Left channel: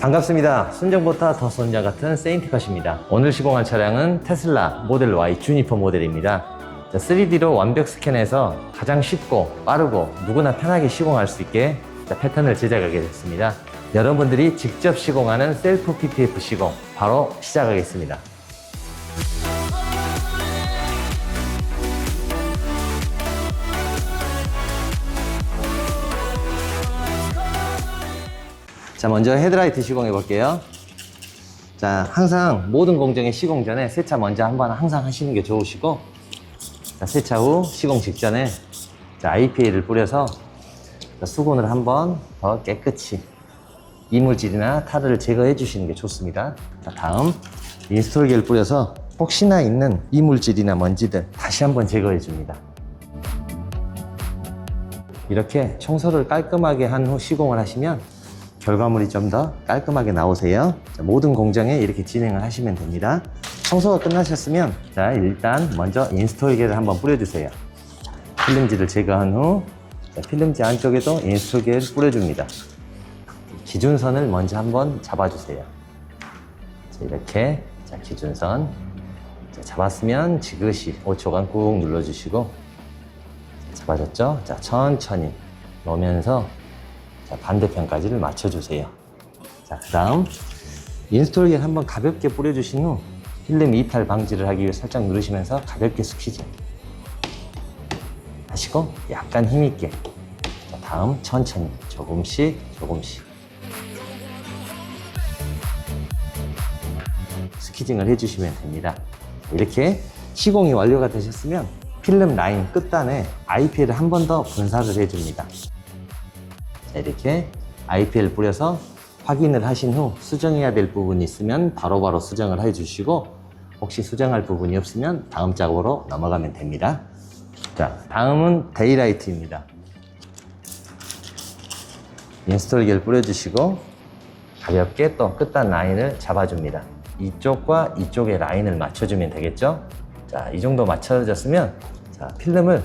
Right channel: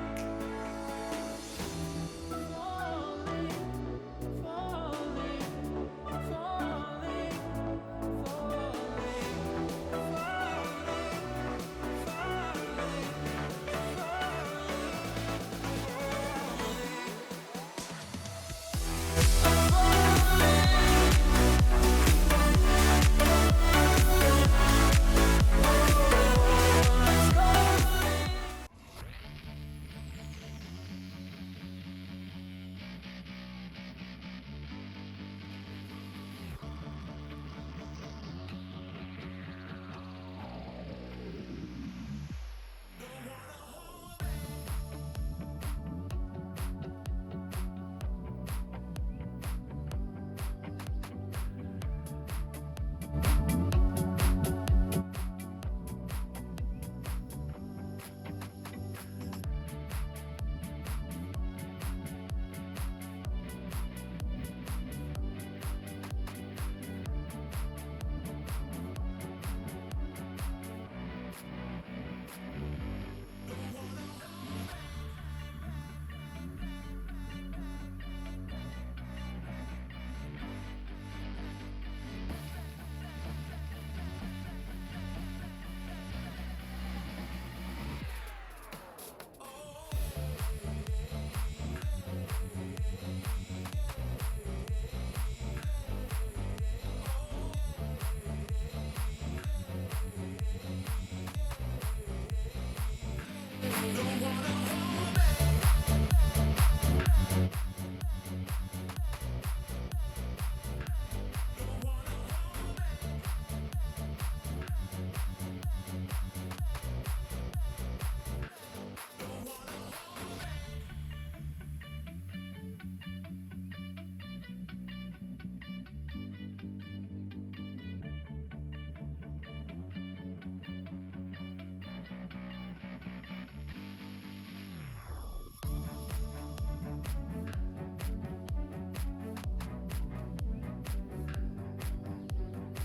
반갑습니다. 순정보다 더 손자 같은 세인트컷입니다. 오늘 시공할 차량은 테슬라 모델 Y 주니퍼 모델입니다. 3D로 완벽 스캔해서 가장 쉽고 빠르고 누구나 편하게 시공할 수 있게 패턴을 제작하게 됐습니다. 여러분들이 직접 시공하는 셀프 PPF 시공 바로 시작하겠습니다. 자, 먼저 헤드라이트 시공해 볼게요. 자, 항상 모든 공정의 시공 전에 세차 먼저 한번 항상 하시는 게 좋으시고, 자, 세차 후 시공 직전에 자, IPA를 뿌려서 수건을 한번 더 깨끗이 이물질이나 타르를 제거해 주시는 게 좋습니다. 자, 다음 인스톨기를 뿌려서 혹시나 있는 이물질이나 먼지들 다시 한번 제거해 줍니다. 이렇게 청소를 깔끔하게 한 후 시공을 하시면 결과물이 좀 더 깔끔하게 나오세요. 자, 모든 공정에 이렇게 진행을 하시면 됩니다. 청소가 끝나셨으면 자, 일단 먼저 인스톨기를 한번 뿌려주세요. 필름지를 제거한 후 자, 필름지 안쪽에도 인스톨기를 뿌려줍니다. 기준선을 먼저 한번 잡아주세요. 자, 이렇게 자, 기준선 자, 잡았으면 지그시 5초간 꾹 눌러주시고 잡아줬죠? 자, 천천히 놓으면서 자, 반대편까지를 맞춰주세요. 자, 그 다음 인스톨기를 한번 가볍게 뿌려주신 후 필름 이탈 방지를 하기 위해 살짝 누르시면서 가볍게 스퀴즈 하시고 약간 힘있게 자, 다음 천천히 조금씩 스퀴징을 해주시면 됩니다. 이렇게 시공이 완료가 되셨으면 필름 라인 끝단에 IPL을 한 번 더 분사를 해줍니다. 이렇게 IPL 뿌려서 확인을 하신 후 수정해야 될 부분이 있으면 바로바로 수정을 해주시고 혹시 수정할 부분이 없으면 다음 작업으로 넘어가면 됩니다. 자, 다음은 데이라이트입니다. 인스톨기를 뿌려주시고 가볍게 또 끝단 라인을 잡아줍니다. 이쪽과 이쪽의 라인을 맞춰주면 되겠죠? 자, 이 정도 맞춰졌으면 자, 필름을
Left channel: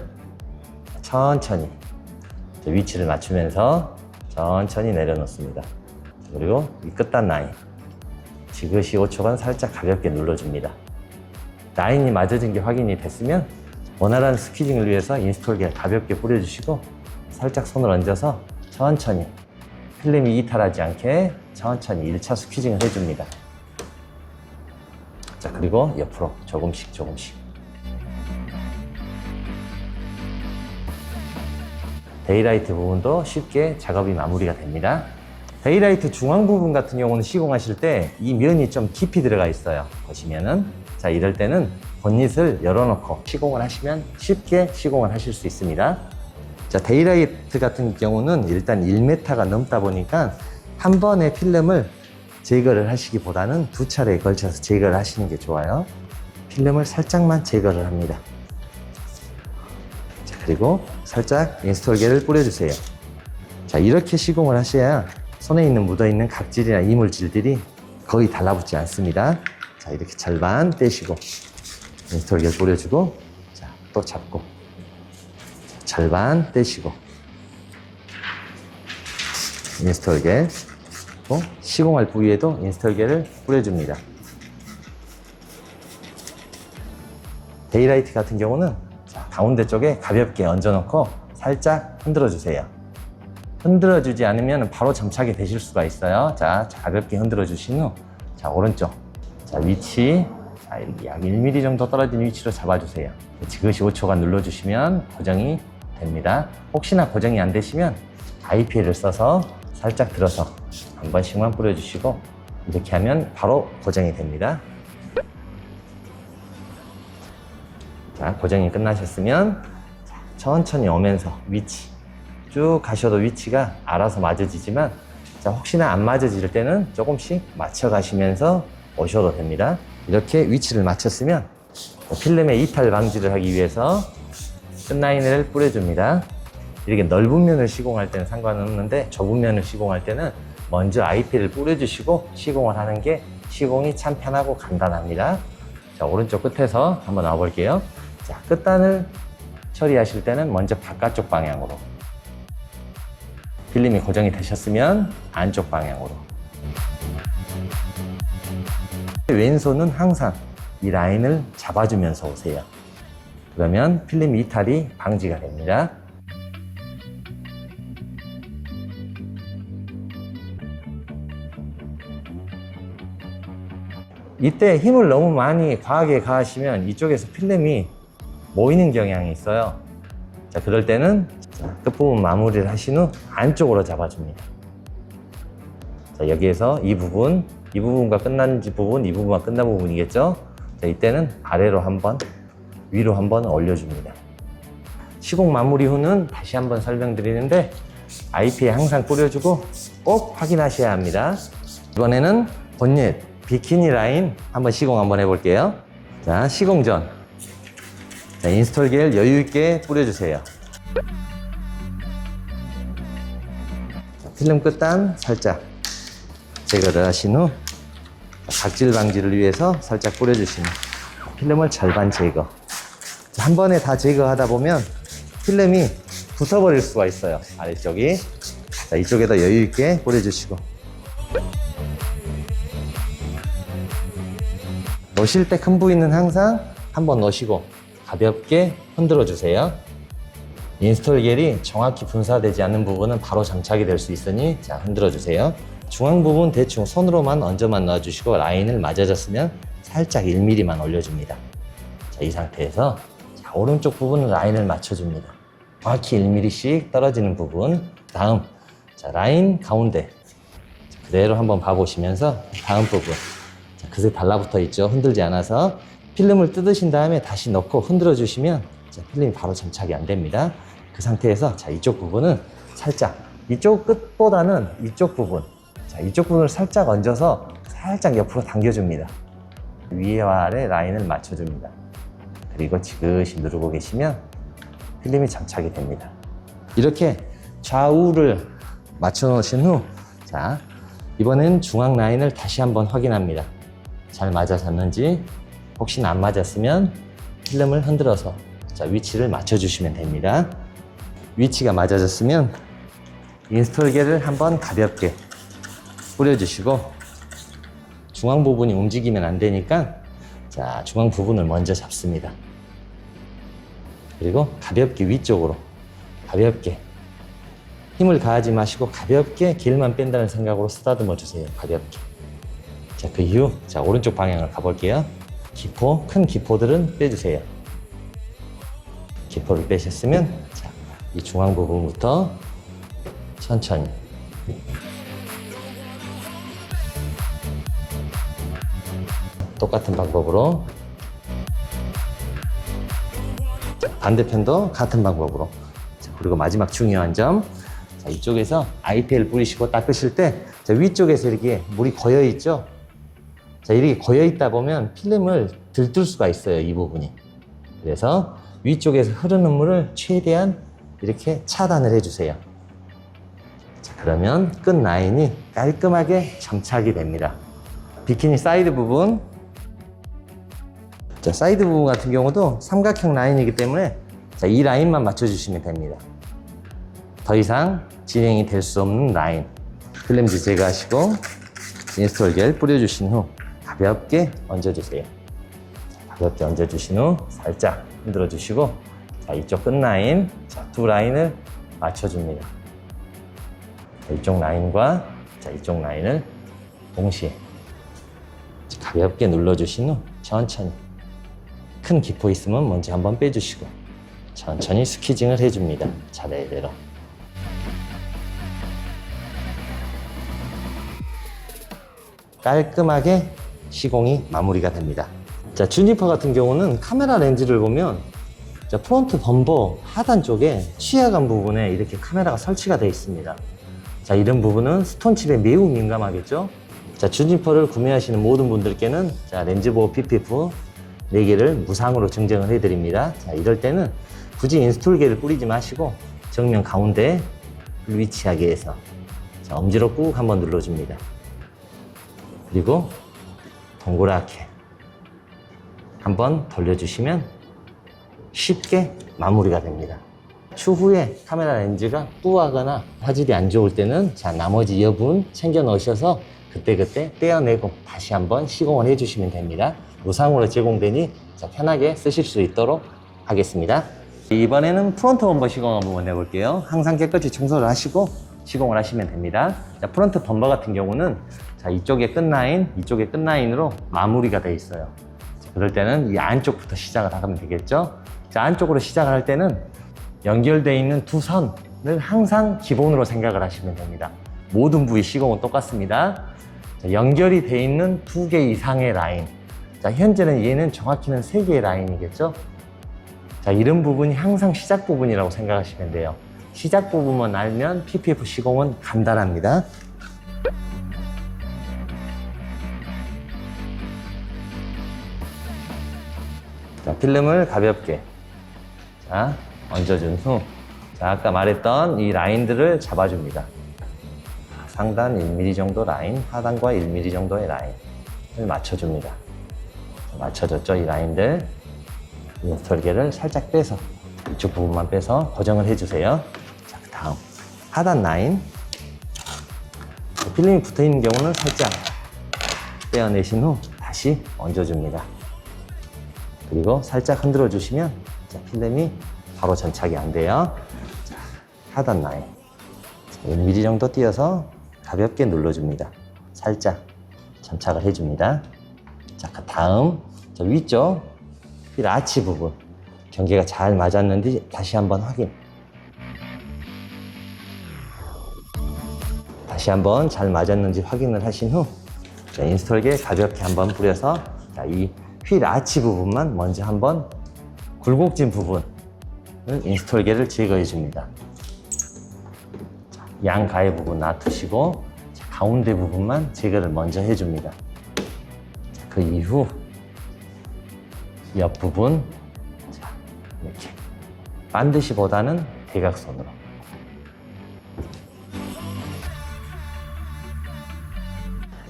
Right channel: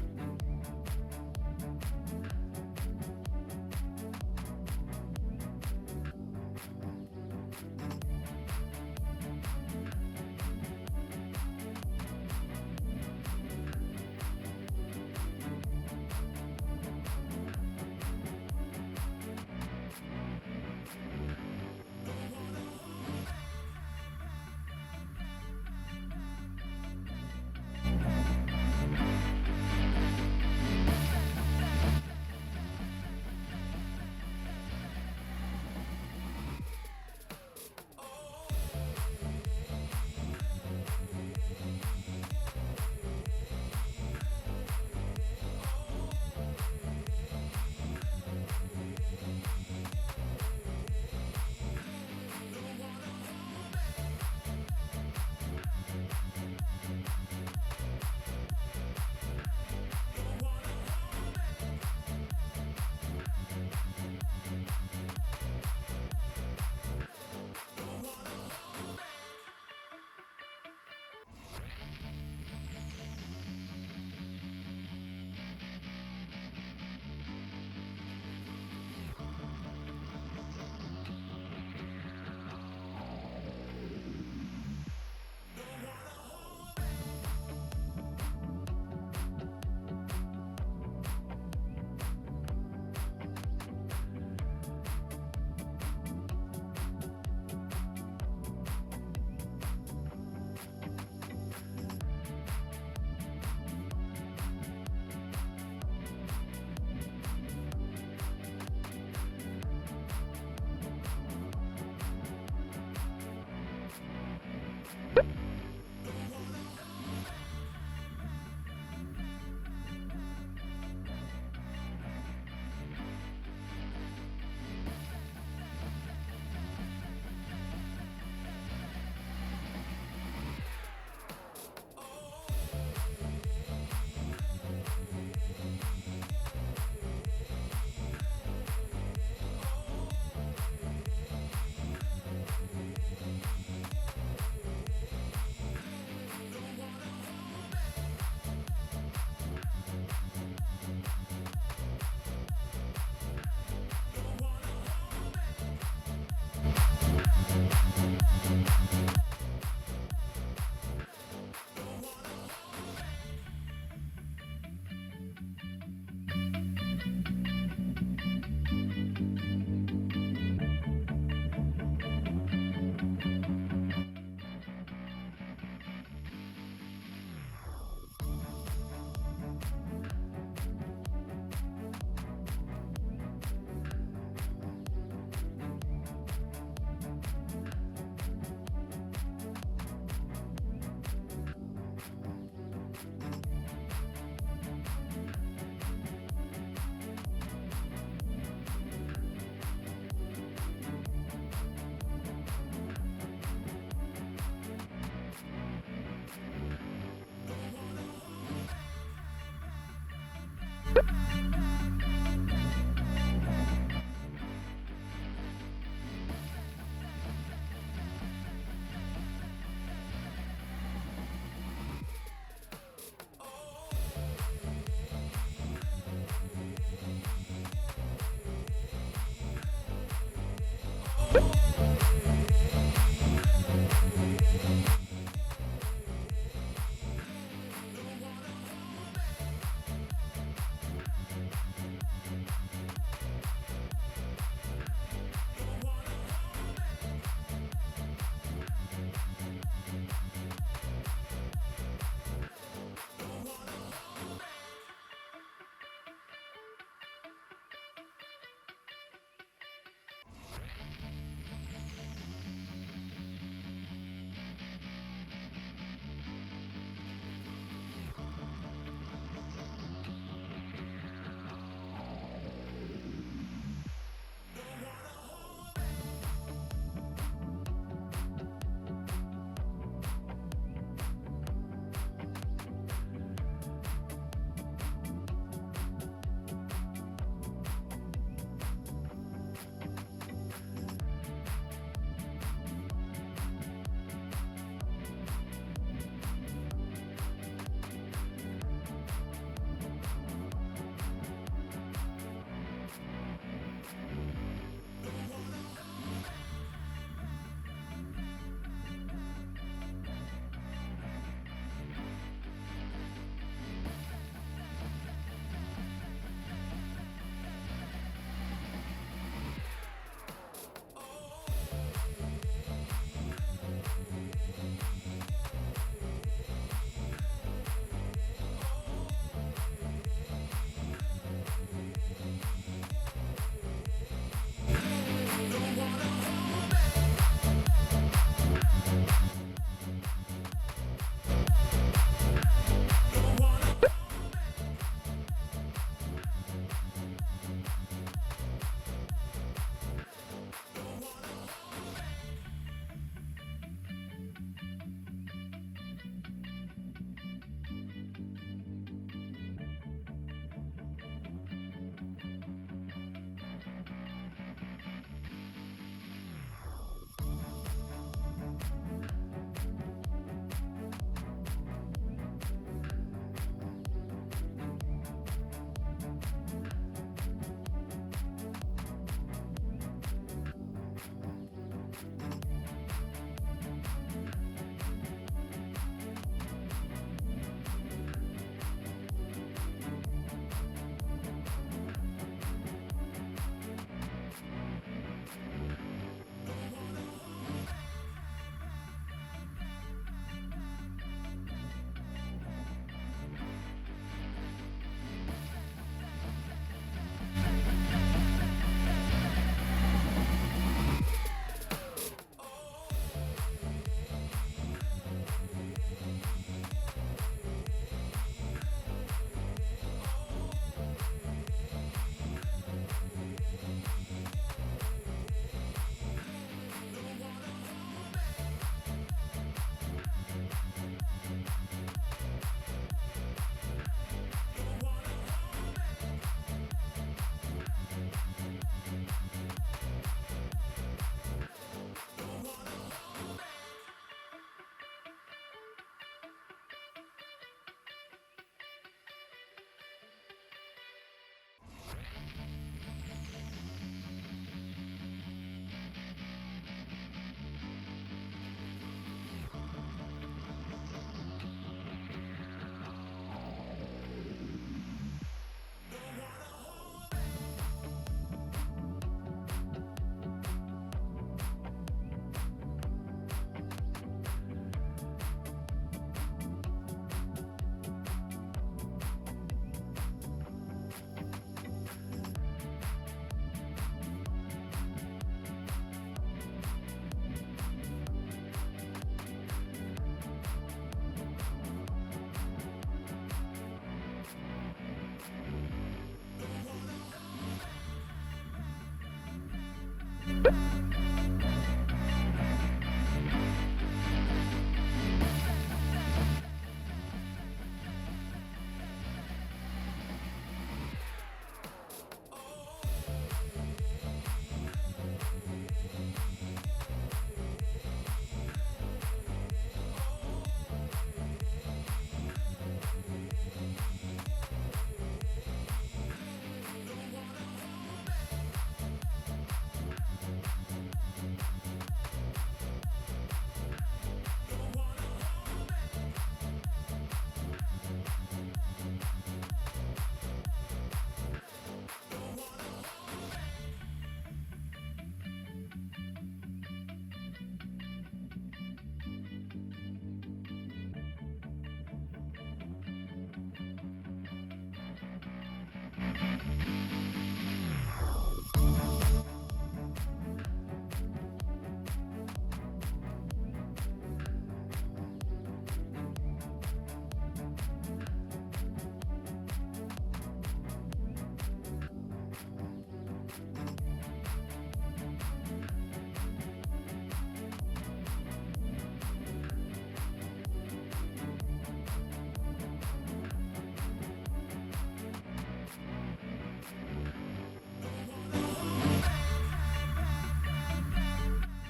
천천히 위치를 맞추면서 천천히 내려놓습니다. 그리고 이 끝단 라인 지그시 5초간 살짝 가볍게 눌러줍니다. 라인이 맞아진 게 확인이 됐으면 원활한 스퀴징을 위해서 인스톨기를 가볍게 뿌려주시고 살짝 손을 얹어서 천천히 필름이 이탈하지 않게 천천히 1차 스퀴징을 해줍니다. 자, 그리고 옆으로 조금씩 데이라이트 부분도 쉽게 작업이 마무리가 됩니다. 데이라이트 중앙 부분 같은 경우는 시공하실 때 이 면이 좀 깊이 들어가 있어요. 보시면은 자, 이럴 때는 본닛을 열어놓고 시공을 하시면 쉽게 시공을 하실 수 있습니다. 자, 데이라이트 같은 경우는 일단 1m가 넘다 보니까 한 번에 필름을 제거를 하시기보다는 두 차례에 걸쳐서 제거를 하시는 게 좋아요. 필름을 살짝만 제거를 합니다. 자, 그리고 살짝 인스톨기를 뿌려주세요. 자, 이렇게 시공을 하셔야 손에 있는 묻어있는 각질이나 이물질들이 거의 달라붙지 않습니다. 자, 이렇게 절반 떼시고 인스톨기를 뿌려주고 자, 또 잡고 절반 떼시고 인스톨기 시공할 부위에도 인스톨기를 뿌려줍니다. 데이라이트 같은 경우는 자, 가운데 쪽에 가볍게 얹어놓고 살짝 흔들어 주세요. 흔들어 주지 않으면 바로 점착이 되실 수가 있어요. 자, 가볍게 흔들어 주신 후 자, 오른쪽 자, 위치 자, 약 1mm 정도 떨어진 위치로 잡아주세요. 지그시 5초간 눌러주시면 고정이 됩니다. 혹시나 고정이 안 되시면 IPL을 써서 살짝 들어서 한 번씩만 뿌려주시고 이렇게 하면 바로 고정이 됩니다. 자, 고정이 끝나셨으면 천천히 오면서 위치 쭉 가셔도 위치가 알아서 맞아지지만 자, 혹시나 안 맞아질 때는 조금씩 맞춰 가시면서 오셔도 됩니다. 이렇게 위치를 맞췄으면 필름의 이탈 방지를 하기 위해서 끝라인을 뿌려줍니다. 이렇게 넓은 면을 시공할 때는 상관은 없는데 좁은 면을 시공할 때는 먼저 IP를 뿌려주시고 시공을 하는 게 시공이 참 편하고 간단합니다. 자, 오른쪽 끝에서 한번 나와 볼게요. 자, 끝단을 처리하실 때는 먼저 바깥쪽 방향으로 필름이 고정이 되셨으면 안쪽 방향으로 왼손은 항상 이 라인을 잡아주면서 오세요. 그러면 필름 이탈이 방지가 됩니다. 이때 힘을 너무 많이 과하게 가하시면 이쪽에서 필름이 모이는 경향이 있어요. 자, 그럴 때는 끝부분 마무리를 하신 후 안쪽으로 잡아줍니다. 자, 여기에서 이 부분과 끝난 부분, 이 부분과 끝난 부분이겠죠? 자, 이때는 아래로 한번, 위로 한번 올려줍니다. 시공 마무리 후는 다시 한번 설명드리는데 IP에 항상 뿌려주고 꼭 확인하셔야 합니다. 이번에는 본넷 비키니 라인 한번 시공 한번 해볼게요. 자, 시공 전 인스톨 겔 여유 있게 뿌려주세요. 필름 끝단 살짝 제거를 하신 후 각질 방지를 위해서 살짝 뿌려주시면 필름을 절반 제거. 한 번에 다 제거하다 보면 필름이 붙어버릴 수가 있어요. 아래쪽이. 자, 이쪽에다 여유 있게 뿌려주시고. 넣으실 때 큰 부위는 항상 한번 넣으시고 가볍게 흔들어 주세요. 인스톨 겔이 정확히 분사되지 않는 부분은 바로 장착이 될 수 있으니 자, 흔들어 주세요. 중앙 부분 대충 손으로만 얹어만 넣어주시고 라인을 맞아졌으면 살짝 1mm만 올려줍니다. 자, 이 상태에서 자, 오른쪽 부분 라인을 맞춰줍니다. 정확히 1mm씩 떨어지는 부분. 다음 자, 라인 가운데 그대로 한번 봐보시면서 다음 부분 자, 그새 달라붙어 있죠. 흔들지 않아서 필름을 뜯으신 다음에 다시 넣고 흔들어 주시면 자, 필름이 바로 장착이 안 됩니다. 그 상태에서 자, 이쪽 부분은 살짝 이쪽 끝보다는 이쪽 부분 자, 이쪽 부분을 살짝 얹어서 살짝 옆으로 당겨줍니다. 위와 아래 라인을 맞춰줍니다. 그리고 지그시 누르고 계시면 필름이 장착이 됩니다. 이렇게 좌우를 맞춰 놓으신 후 자, 이번엔 중앙 라인을 다시 한번 확인합니다. 잘 맞아졌는지 혹시나 안 맞았으면 필름을 흔들어서 자, 위치를 맞춰주시면 됩니다. 위치가 맞아졌으면 인스톨 겔을 한번 가볍게 뿌려주시고 중앙 부분이 움직이면 안 되니까 자, 중앙 부분을 먼저 잡습니다. 그리고 가볍게 위쪽으로 가볍게 힘을 가하지 마시고 가볍게 겔만 뺀다는 생각으로 쓰다듬어 주세요. 가볍게. 자, 그 이후 자, 오른쪽 방향을 가볼게요. 기포, 큰 기포들은 빼주세요. 기포를 빼셨으면 자, 이 중앙 부분부터 천천히 똑같은 방법으로 반대편도 같은 방법으로 그리고 마지막 중요한 점 자, 이쪽에서 IPL 뿌리시고 닦으실 때 자, 위쪽에서 이렇게 물이 고여 있죠. 자, 이렇게 고여 있다 보면 필름을 들뜰 수가 있어요. 이 부분이. 그래서 위쪽에서 흐르는 물을 최대한 이렇게 차단을 해주세요. 자, 그러면 끝 라인이 깔끔하게 점착이 됩니다. 비키니 사이드 부분 자, 사이드 부분 같은 경우도 삼각형 라인이기 때문에 자, 이 라인만 맞춰주시면 됩니다. 더 이상 진행이 될 수 없는 라인 필름지 제거하시고 인스톨 겔 뿌려주신 후 가볍게 얹어주세요. 가볍게 얹어주신 후 살짝 흔들어 주시고 자, 이쪽 끝 라인 자, 두 라인을 맞춰줍니다. 자, 이쪽 라인과 자, 이쪽 라인을 동시에 가볍게 눌러주신 후 천천히 큰 기포 있으면 먼저 한번 빼주시고 천천히 스퀴징을 해줍니다. 차례대로. 깔끔하게 시공이 마무리가 됩니다. 자, 주니퍼 같은 경우는 카메라 렌즈를 보면 자, 프론트 범버 하단 쪽에 취하감 부분에 이렇게 카메라가 설치가 되어 있습니다. 자, 이런 부분은 스톤칩에 매우 민감하겠죠. 자, 주니퍼를 구매하시는 모든 분들께는 자, 렌즈 보호 PPF 4개를 무상으로 증정을 해드립니다. 자, 이럴 때는 굳이 인스톨 겔을 뿌리지 마시고 정면 가운데 위치하게 해서 자, 엄지로 꾹 한번 눌러줍니다. 그리고 동그랗게 한번 돌려주시면 쉽게 마무리가 됩니다. 추후에 카메라 렌즈가 뿌하거나 화질이 안 좋을 때는 자, 나머지 여분 챙겨 넣으셔서 그때그때 떼어내고 다시 한번 시공을 해주시면 됩니다. 무상으로 제공되니 편하게 쓰실 수 있도록 하겠습니다. 이번에는 프론트 범버 시공 한번 해볼게요. 항상 깨끗이 청소를 하시고 시공을 하시면 됩니다. 자, 프론트 범버 같은 경우는 자, 이쪽에 끝라인, 이쪽에 끝라인으로 마무리가 되어 있어요. 자, 그럴 때는 이 안쪽부터 시작을 하면 되겠죠. 자, 안쪽으로 시작을 할 때는 연결되어 있는 두 선을 항상 기본으로 생각을 하시면 됩니다. 모든 부위 시공은 똑같습니다. 자, 연결이 되어 있는 2개 이상의 라인. 자, 현재는 얘는 정확히는 3개의 라인이겠죠. 자, 이런 부분이 항상 시작 부분이라고 생각하시면 돼요. 시작 부분만 알면 PPF 시공은 간단합니다. 자, 필름을 가볍게 자, 얹어준 후 자, 아까 말했던 이 라인들을 잡아줍니다. 상단 1mm 정도 라인, 하단과 1mm 정도의 라인을 맞춰줍니다. 맞춰졌죠, 이 라인들. 이 절개를 살짝 빼서 이쪽 부분만 빼서 고정을 해주세요. 자, 그 다음 하단 라인 필름이 붙어있는 경우는 살짝 떼어내신 후 다시 얹어줍니다. 그리고 살짝 흔들어 주시면 필름이 바로 전착이 안 돼요. 자, 하단 라인 1mm 정도 띄어서 가볍게 눌러줍니다. 살짝 전착을 해줍니다. 자, 그 다음 저 위쪽 필 아치 부분 경계가 잘 맞았는지 다시 한번 확인. 다시 한번 잘 맞았는지 확인을 하신 후 자, 인스톨기에 가볍게 한번 뿌려서 이 휠 아치 부분만 먼저 한번 굴곡진 부분을 인스톨기를 제거해 줍니다. 양 가해 부분 놔두시고 가운데 부분만 제거를 먼저 해줍니다. 그 이후 옆 부분 이렇게 반드시보다는 대각선으로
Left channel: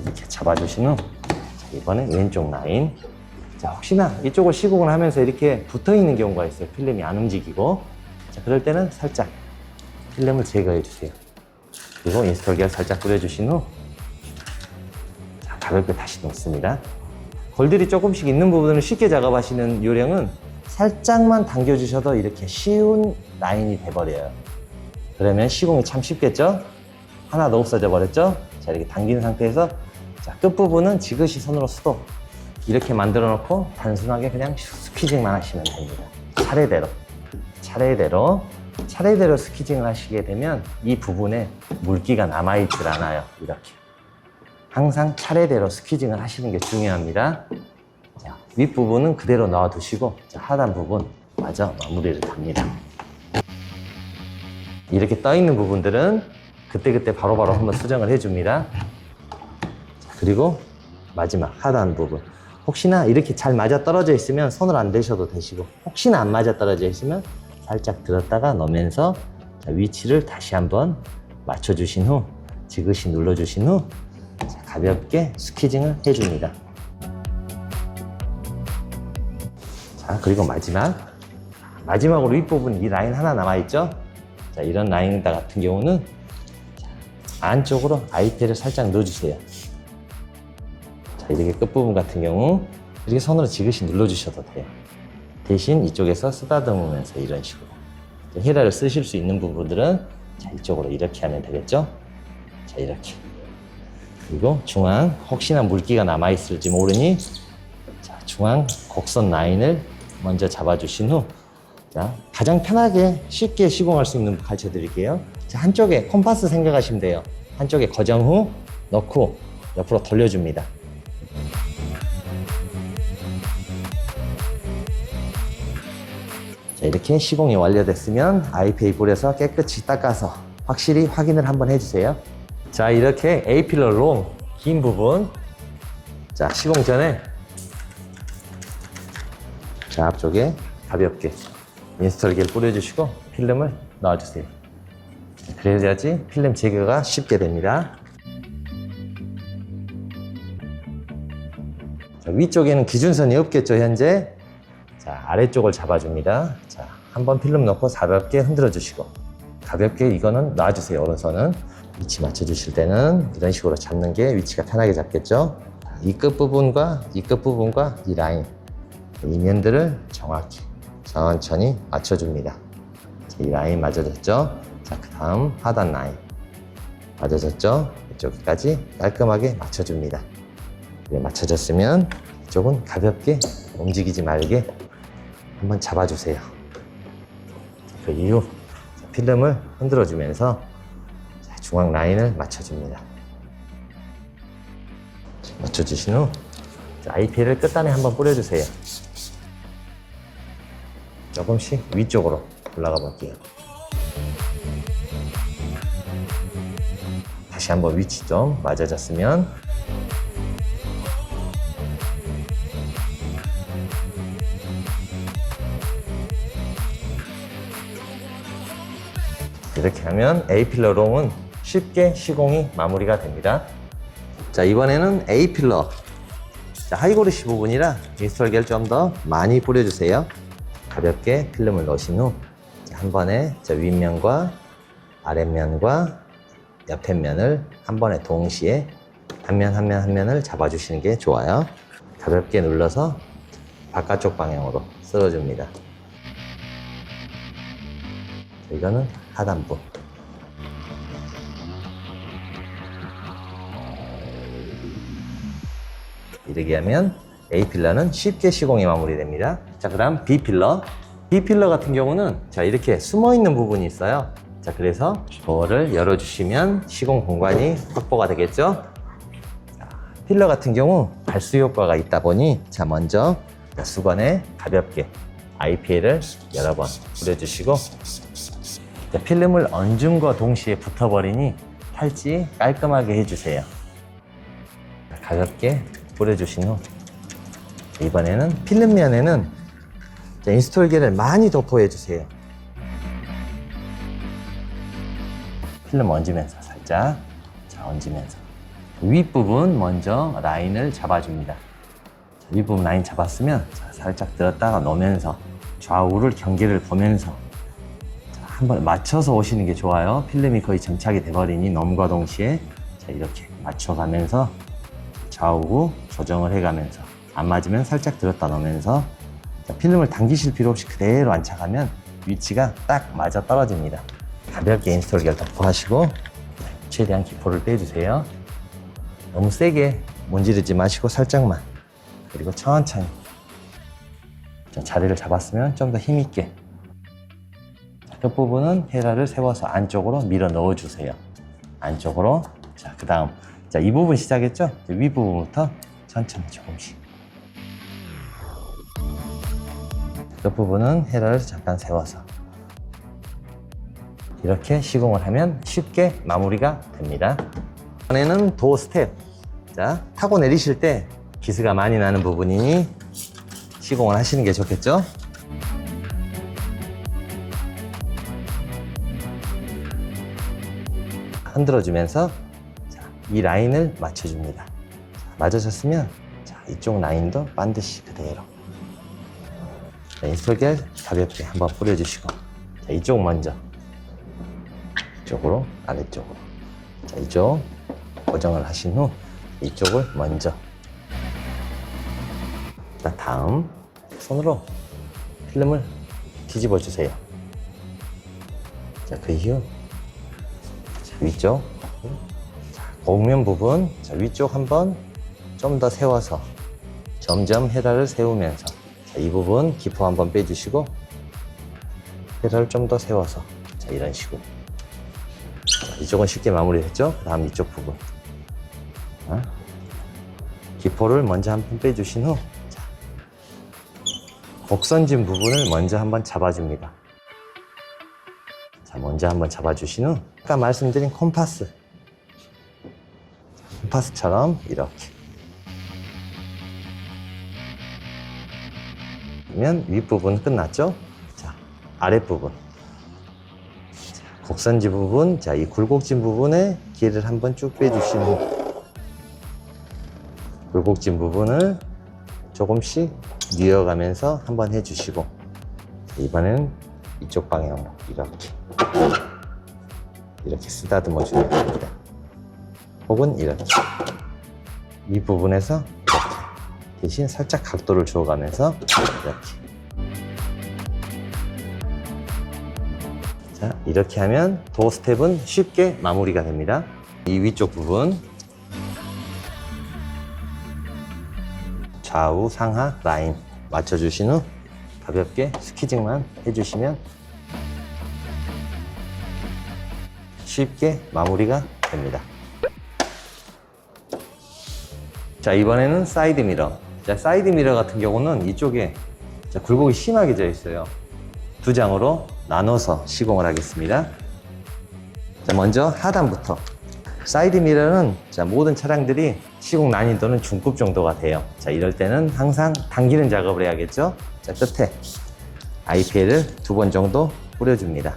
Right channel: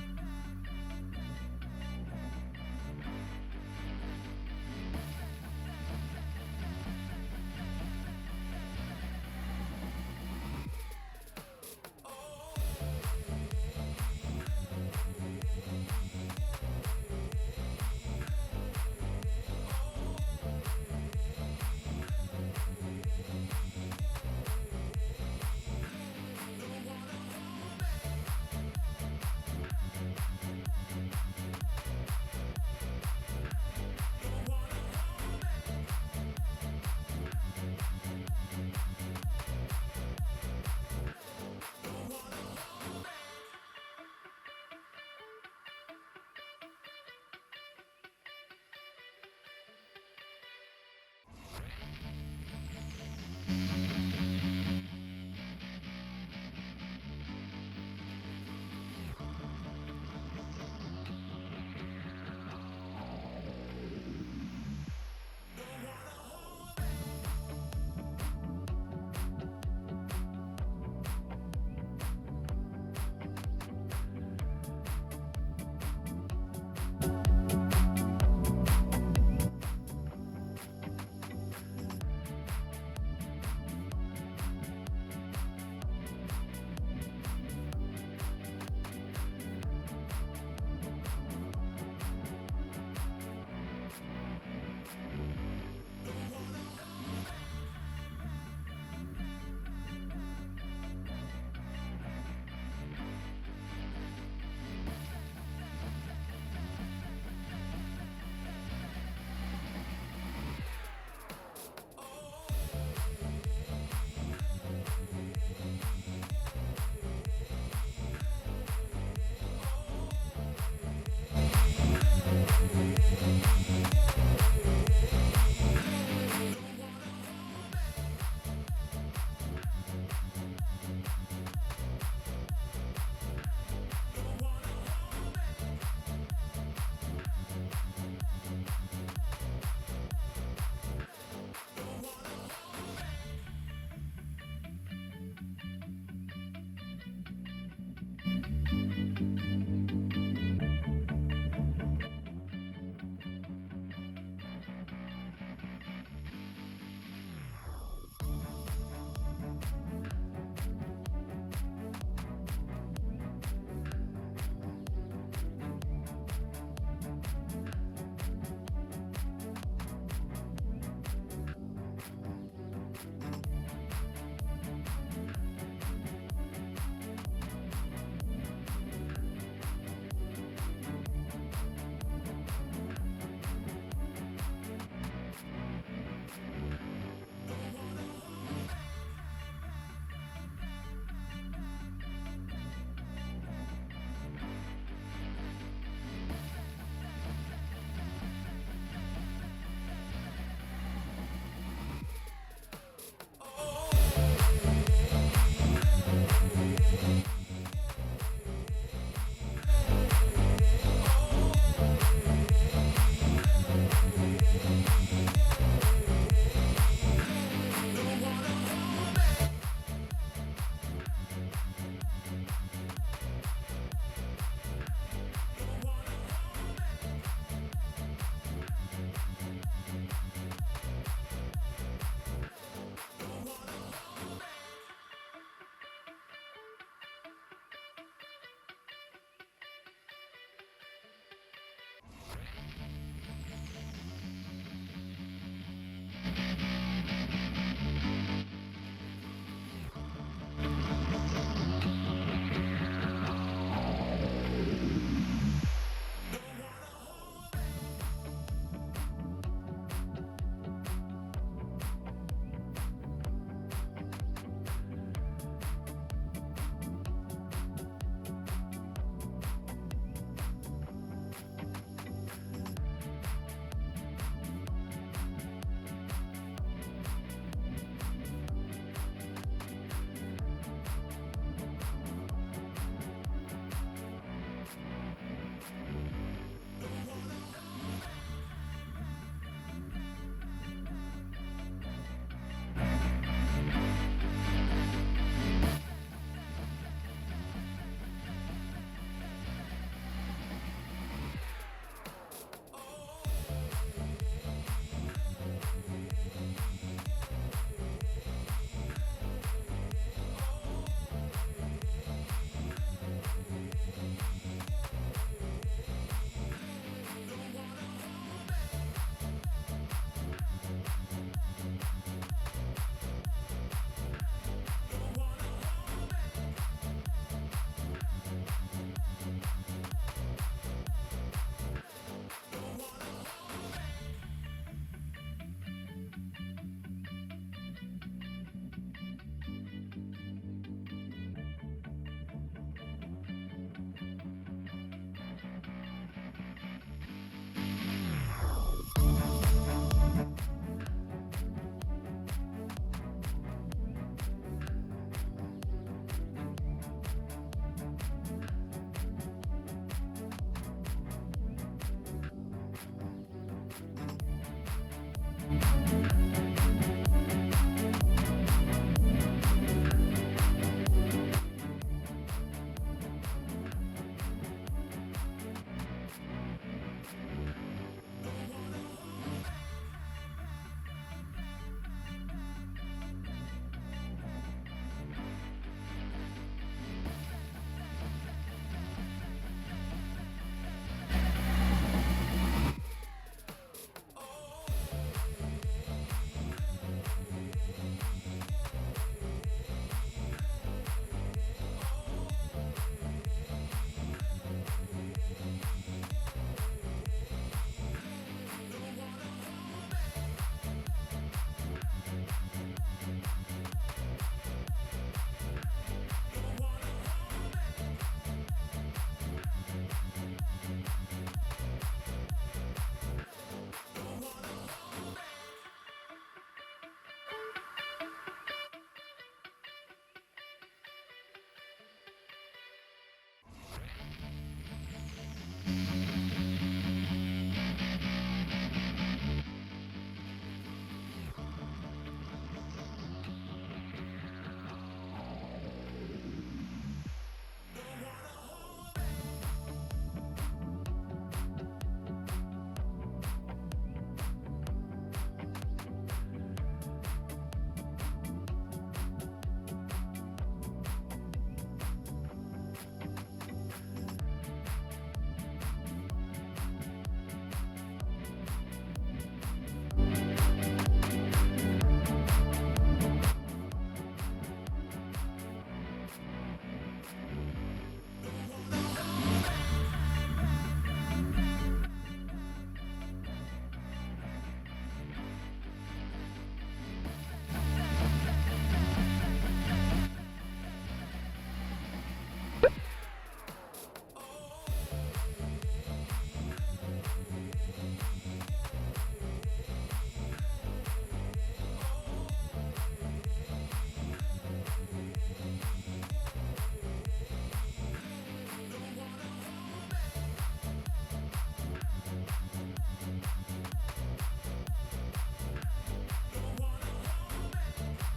이렇게 잡아주신 후 이번엔 왼쪽 라인. 자, 혹시나 이쪽을 시공을 하면서 이렇게 붙어 있는 경우가 있어요. 필름이 안 움직이고. 자, 그럴 때는 살짝 필름을 제거해 주세요. 그리고 인스톨기를 살짝 뿌려주신 후 자, 가볍게 다시 놓습니다. 골들이 조금씩 있는 부분을 쉽게 작업하시는 요령은 살짝만 당겨주셔도 이렇게 쉬운 라인이 돼버려요. 그러면 시공이 참 쉽겠죠? 하나도 없어져 버렸죠? 자, 이렇게 당긴 상태에서 자, 끝부분은 지그시 손으로 스톱 이렇게 만들어 놓고 단순하게 그냥 스퀴징만 하시면 됩니다. 차례대로 스퀴징을 하시게 되면 이 부분에 물기가 남아있질 않아요. 이렇게 항상 차례대로 스퀴징을 하시는 게 중요합니다. 자, 윗부분은 그대로 놔두시고 자, 하단 부분 마저 마무리를 합니다. 이렇게 떠 있는 부분들은 그때그때 바로바로 한번 수정을 해줍니다. 그리고 마지막 하단 부분 혹시나 이렇게 잘 맞아 떨어져 있으면 손을 안 대셔도 되시고 혹시나 안 맞아 떨어져 있으면 살짝 들었다가 넣으면서 위치를 다시 한번 맞춰주신 후 지그시 눌러주신 후 가볍게 스퀴징을 해줍니다. 자, 그리고 마지막으로 윗부분 이 라인 하나 남아있죠? 자, 이런 라인 같은 경우는 안쪽으로 아이테를 살짝 넣어주세요. 자, 이렇게 끝부분 같은 경우 이렇게 손으로 지그시 눌러주셔도 돼요. 대신 이쪽에서 쓰다듬으면서 이런 식으로 헤라를 쓰실 수 있는 부분들은 자, 이쪽으로 이렇게 하면 되겠죠? 자, 이렇게. 그리고 중앙 혹시나 물기가 남아있을지 모르니 자, 중앙 곡선 라인을 먼저 잡아주신 후 자, 가장 편하게 쉽게 시공할 수 있는 거 가르쳐 드릴게요. 자, 한쪽에 콤파스 생각하시면 돼요. 한쪽에 고정 후 넣고 옆으로 돌려줍니다. 자, 이렇게 시공이 완료됐으면 아이페이 뿌려서 깨끗이 닦아서 확실히 확인을 한번 해주세요. 자, 이렇게 A필러 롱 긴 부분 자, 시공 전에 자, 앞쪽에 가볍게 인스톨기를 뿌려주시고 필름을 넣어주세요. 그래야지 필름 제거가 쉽게 됩니다. 자, 위쪽에는 기준선이 없겠죠, 현재. 자, 아래쪽을 잡아줍니다. 자, 한번 필름 넣고 가볍게 흔들어 주시고 가볍게 이거는 놔주세요, 오른손은. 위치 맞춰주실 때는 이런 식으로 잡는 게 위치가 편하게 잡겠죠. 이 끝부분과 이 끝부분과 이 라인, 이 면들을 정확히 천천히 맞춰줍니다. 이 라인 맞아졌죠? 자, 그 다음 하단 라인 맞아졌죠? 이쪽까지 깔끔하게 맞춰줍니다. 네, 맞춰졌으면 이쪽은 가볍게 움직이지 말게 한번 잡아주세요. 그 이후 필름을 흔들어주면서 중앙 라인을 맞춰줍니다. 맞춰주신 후 IPL을 끝단에 한번 뿌려주세요. 조금씩 위쪽으로 올라가 볼게요. 다시 한번 위치 좀 맞아졌으면 이렇게 하면 A필러 롱은 쉽게 시공이 마무리가 됩니다. 자, 이번에는 A필러. 자, 하이고리시 부분이라 인스톨기를 좀 더 많이 뿌려주세요. 가볍게 필름을 넣으신 후 한 번에 윗면과 아랫면과 옆에 면을 한 번에 동시에 한 면 한 면 한 면을 잡아주시는 게 좋아요. 가볍게 눌러서 바깥쪽 방향으로 쓸어줍니다. 이거는 하단부. 이렇게 하면 A필러는 쉽게 시공이 마무리됩니다. 자, 그 다음 B필러. B필러 같은 경우는 자, 이렇게 숨어있는 부분이 있어요. 자, 그래서 도어를 열어주시면 시공 공간이 확보가 되겠죠. 자, 필러 같은 경우 발수 효과가 있다 보니 자, 먼저 수건에 가볍게 IPL을 여러 번 뿌려주시고 자, 필름을 얹음과 동시에 붙어버리니 탈지 깔끔하게 해주세요. 가볍게 뿌려주신 후 이번에는 필름면에는 인스톨기를 많이 도포해주세요. 필름 얹으면서 살짝 얹으면서 윗부분 먼저 라인을 잡아줍니다. 윗부분 라인 잡았으면 살짝 들었다가 놓으면서 좌우를 경계를 보면서 한번 맞춰서 오시는 게 좋아요. 필름이 거의 전착이 돼버리니 넘과 동시에 이렇게 맞춰가면서 좌우 조정을 해가면서 안 맞으면 살짝 들었다 놓으면서 필름을 당기실 필요 없이 그대로 안착하면 위치가 딱 맞아 떨어집니다. 가볍게 인스톨기를 덮어하시고 최대한 기포를 빼주세요. 너무 세게 문지르지 마시고 살짝만, 그리고 천천히 자리를 잡았으면 좀 더 힘있게 끝부분은 헤라를 세워서 안쪽으로 밀어 넣어주세요. 안쪽으로. 자, 그 다음 이 부분 시작했죠? 윗부분부터 천천히 조금씩 끝부분은 헤라를 잠깐 세워서 이렇게 시공을 하면 쉽게 마무리가 됩니다. 이번에는 도어 스텝. 자, 타고 내리실 때 기스가 많이 나는 부분이니 시공을 하시는 게 좋겠죠? 흔들어주면서 이 라인을 맞춰줍니다. 맞아졌으면 이쪽 라인도 반드시 그대로 인스톨겔 가볍게 한번 뿌려주시고 이쪽 먼저 이쪽으로 아래쪽으로 이쪽 고정을 하신 후 이쪽을 먼저 다음 손으로 필름을 뒤집어 주세요. 자, 그 이후 위쪽 곡면 부분 위쪽 한번 좀 더 세워서 점점 헤라를 세우면서 이 부분 기포 한번 빼주시고 헤라를 좀 더 세워서 이런 식으로 이쪽은 쉽게 마무리했죠. 다음 이쪽 부분 기포를 먼저 한번 빼주신 후 곡선진 부분을 먼저 한번 잡아줍니다. 자, 먼저 한번 잡아주신 후 아까 말씀드린 콤파스처럼 이렇게 그러면 윗부분 끝났죠? 자, 아랫부분 곡선지 부분, 자, 이 굴곡진 부분에 길을 한번 쭉 빼주신 후 굴곡진 부분을 조금씩 뉘어가면서 한번 해주시고 이번에는 이쪽 방향으로 이렇게 이렇게 쓰다듬어 주면 됩니다. 혹은 이렇게 이 부분에서 이렇게 대신 살짝 각도를 주어가면서 이렇게. 자, 이렇게 하면 도어 스텝은 쉽게 마무리가 됩니다. 이 위쪽 부분 좌우 상하 라인 맞춰주신 후 가볍게 스키징만 해주시면 쉽게 마무리가 됩니다. 자, 이번에는 사이드 미러. 자, 사이드 미러 같은 경우는 이쪽에 굴곡이 심하게 져 있어요. 두 장으로 나눠서 시공을 하겠습니다. 자, 먼저 하단부터. 사이드 미러는 모든 차량들이 시공 난이도는 중급 정도가 돼요. 자, 이럴 때는 항상 당기는 작업을 해야겠죠. 자, 끝에 IPL을 2번 정도 뿌려줍니다.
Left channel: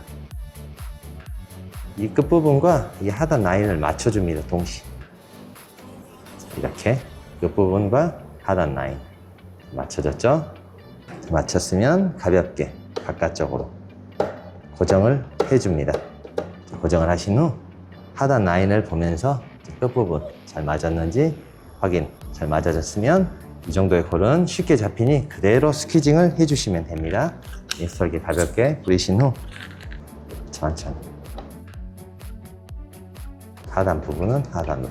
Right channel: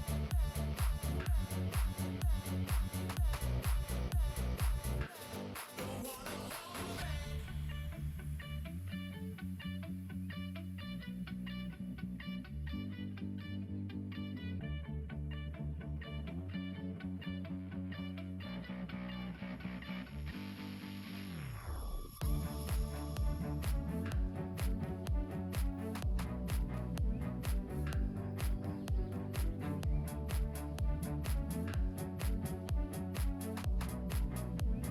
이 끝부분과 이 하단 라인을 맞춰줍니다. 동시에. 이렇게 끝부분과 하단 라인 맞춰졌죠? 맞췄으면 가볍게 바깥쪽으로 고정을 해줍니다. 고정을 하신 후 하단 라인을 보면서 끝부분 잘 맞았는지 확인. 잘 맞아졌으면 이 정도의 콜은 쉽게 잡히니 그대로 스퀴징을 해주시면 됩니다. 인스톨기 가볍게 뿌리신 후 천천히 하단 부분은 하단으로,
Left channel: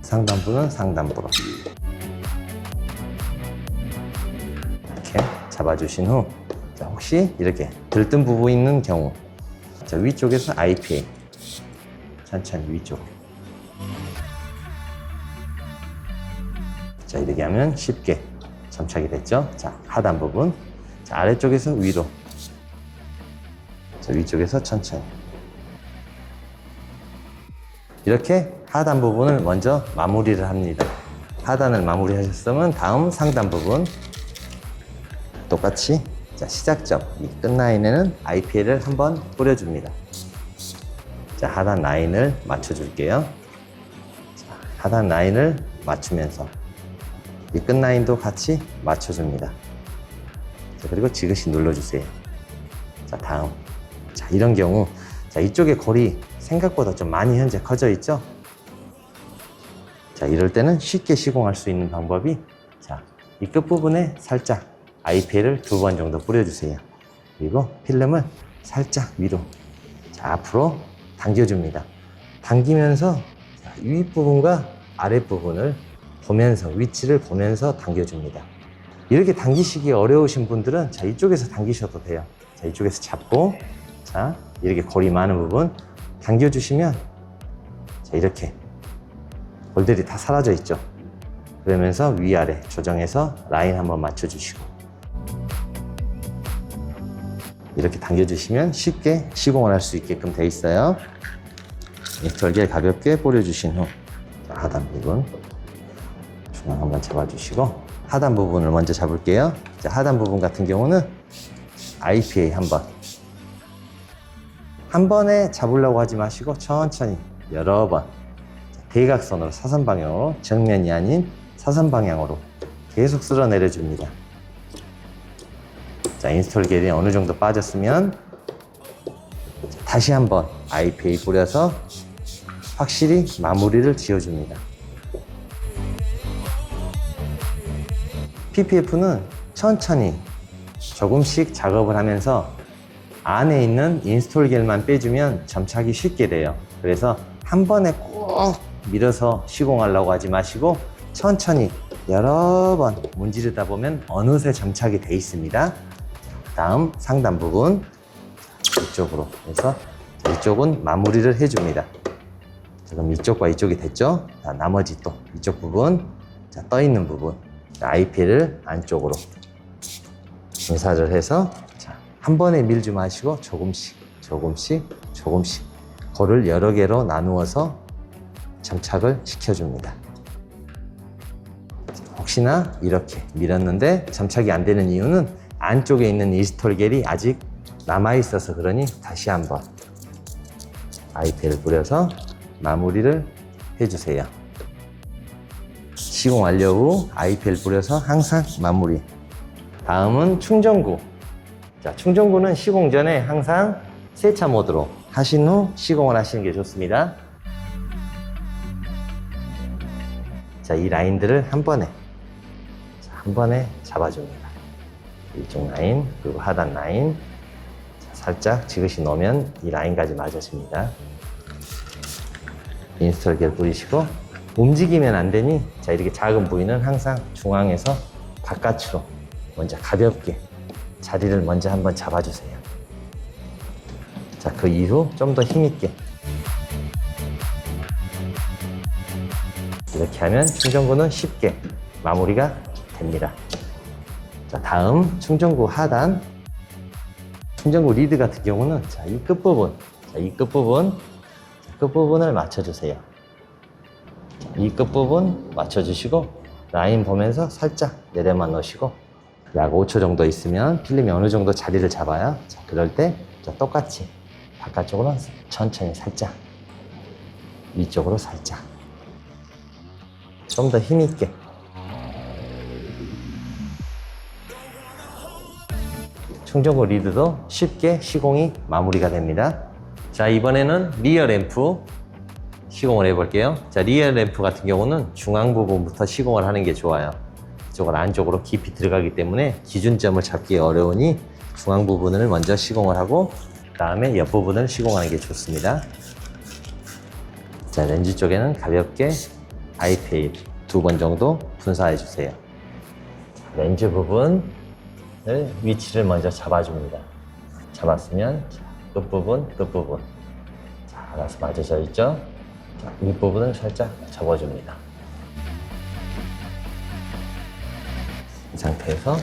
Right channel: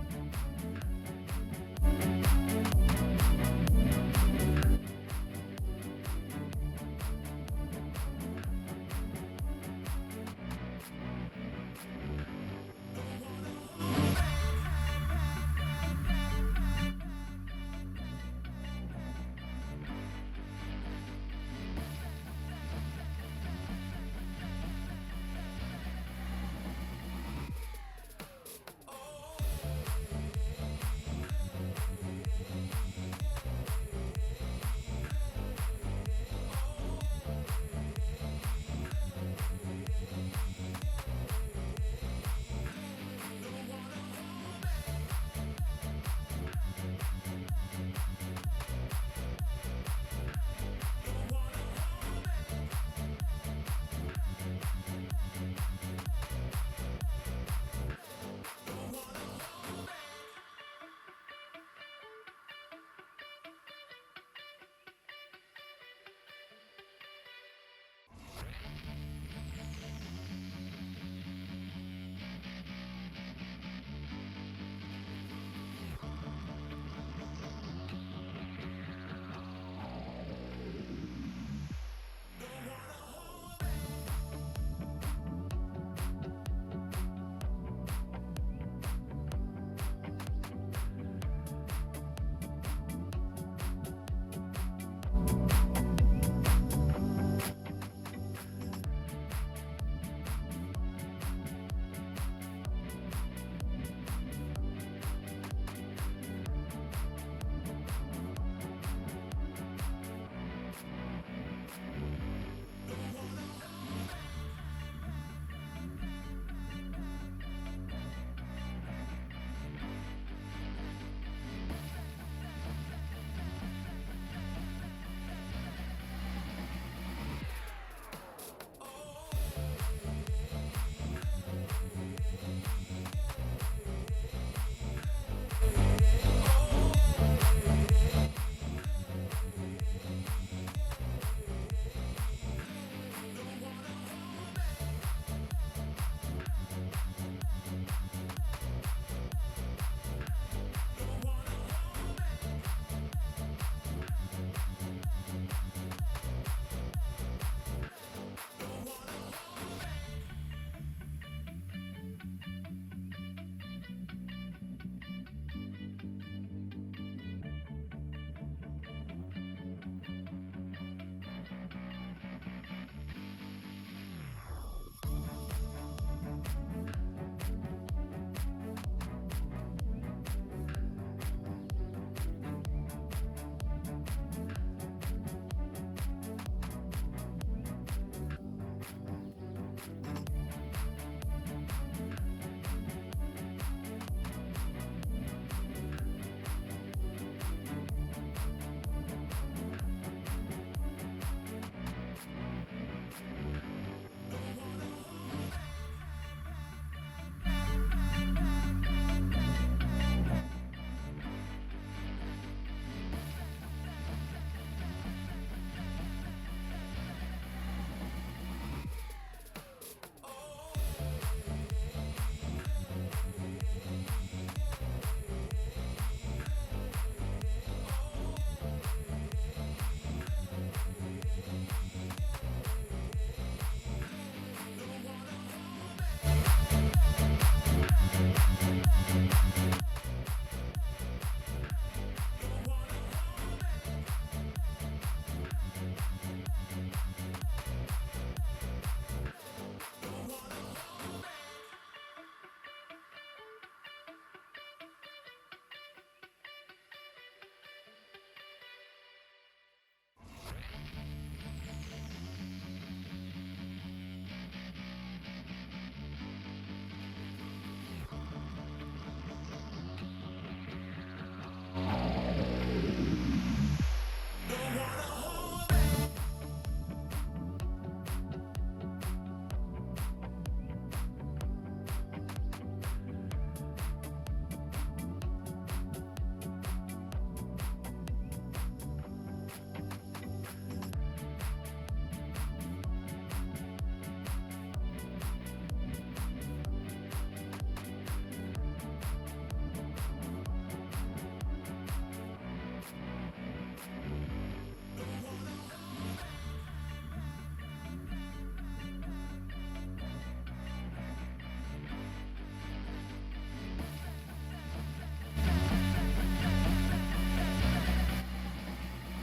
상단부는 상단부로 이렇게 잡아주신 후 혹시 이렇게 들뜬 부분이 있는 경우 위쪽에서 IPA 천천히 위쪽. 자, 이렇게 하면 쉽게 점착이 됐죠. 자, 하단 부분. 자, 아래쪽에서 위로. 자, 위쪽에서 천천히. 이렇게 하단 부분을 먼저 마무리를 합니다. 하단을 마무리하셨으면 다음 상단 부분 똑같이 시작점 이 끝 라인에는 IPL을 한번 뿌려줍니다. 자, 하단 라인을 맞춰줄게요. 자, 하단 라인을 맞추면서 이 끝 라인도 같이 맞춰줍니다. 자, 그리고 지그시 눌러주세요. 자, 다음. 자, 이런 경우 이쪽에 골이 생각보다 좀 많이 현재 커져 있죠. 자, 이럴 때는 쉽게 시공할 수 있는 방법이 이 끝부분에 살짝 IPL을 2번 정도 뿌려주세요. 그리고 필름을 살짝 위로 앞으로 당겨줍니다. 당기면서 윗부분과 아랫부분을 보면서 위치를 보면서 당겨줍니다. 이렇게 당기시기 어려우신 분들은 이쪽에서 당기셔도 돼요. 자, 이쪽에서 잡고 이렇게 골이 많은 부분 당겨주시면 이렇게 골들이 다 사라져 있죠. 그러면서 위아래 조정해서 라인 한번 맞춰주시고 이렇게 당겨주시면 쉽게 시공을 할 수 있게끔 되어 있어요. 절개 가볍게 뿌려주신 후 하단 부분 중앙 한번 잡아주시고 하단 부분을 먼저 잡을게요. 자, 하단 부분 같은 경우는 IPA 한 번에 잡으려고 하지 마시고 천천히 여러 번 대각선으로 사선 방향으로 정면이 아닌 사선 방향으로 계속 쓸어 내려줍니다. 자, 인스톨 겔이 어느 정도 빠졌으면 다시 한번 IPA 뿌려서 확실히 마무리를 지어줍니다. PPF는 천천히 조금씩 작업을 하면서 안에 있는 인스톨 겔만 빼주면 점착이 쉽게 돼요. 그래서 한 번에 꼭 밀어서 시공하려고 하지 마시고 천천히 여러 번 문지르다 보면 어느새 점착이 돼 있습니다. 다음 상단 부분 이쪽으로 해서 이쪽은 마무리를 해줍니다. 그럼 이쪽과 이쪽이 됐죠? 자, 나머지 또 이쪽 부분 떠 있는 부분 IPL을 안쪽으로 분사를 해서 한 번에 밀지 마시고 조금씩 골을 여러 개로 나누어서 점착을 시켜줍니다. 혹시나 이렇게 밀었는데 점착이 안 되는 이유는 안쪽에 있는 인스톨 겔이 아직 남아있어서 그러니 다시 한번 IPL을 뿌려서 마무리를 해주세요. 시공 완료 후 IPL 뿌려서 항상 마무리. 다음은 충전구. 자, 충전구는 시공 전에 항상 세차 모드로 하신 후 시공을 하시는 게 좋습니다. 자, 이 라인들을 한 번에 잡아줍니다. 이쪽 라인, 그리고 하단 라인 살짝 지그시 넣으면 이 라인까지 맞아집니다. 인스톨기를 뿌리시고 움직이면 안 되니, 자, 이렇게 작은 부위는 항상 중앙에서 바깥으로 먼저 가볍게 자리를 먼저 한번 잡아주세요. 자, 그 이후 좀 더 힘있게 이렇게 하면 충전구는 쉽게 마무리가 됩니다. 자, 다음 충전구 하단, 충전구 리드 같은 경우는 자, 이 끝부분, 끝부분을 맞춰주세요. 이 끝부분 맞춰주시고 라인 보면서 살짝 내려만 넣으시고 약 5초 정도 있으면 필름이 어느 정도 자리를 잡아요. 자, 그럴 때 똑같이 바깥쪽으로 천천히 살짝, 위쪽으로 살짝, 좀 더 힘있게. 충전구 리드도 쉽게 시공이 마무리가 됩니다. 자, 이번에는 리어 램프 시공을 해볼게요. 자, 리어 램프 같은 경우는 중앙 부분부터 시공을 하는 게 좋아요. 이쪽은 안쪽으로 깊이 들어가기 때문에 기준점을 잡기 어려우니 중앙 부분을 먼저 시공을 하고 그 다음에 옆 부분을 시공하는 게 좋습니다. 자, 렌즈 쪽에는 가볍게 아이페일 2번 정도 분사해 주세요. 렌즈 부분을 위치를 먼저 잡아줍니다. 잡았으면 끝부분, 자, 알아서 맞춰져 있죠? 자, 윗부분을 살짝 접어줍니다. 이 상태에서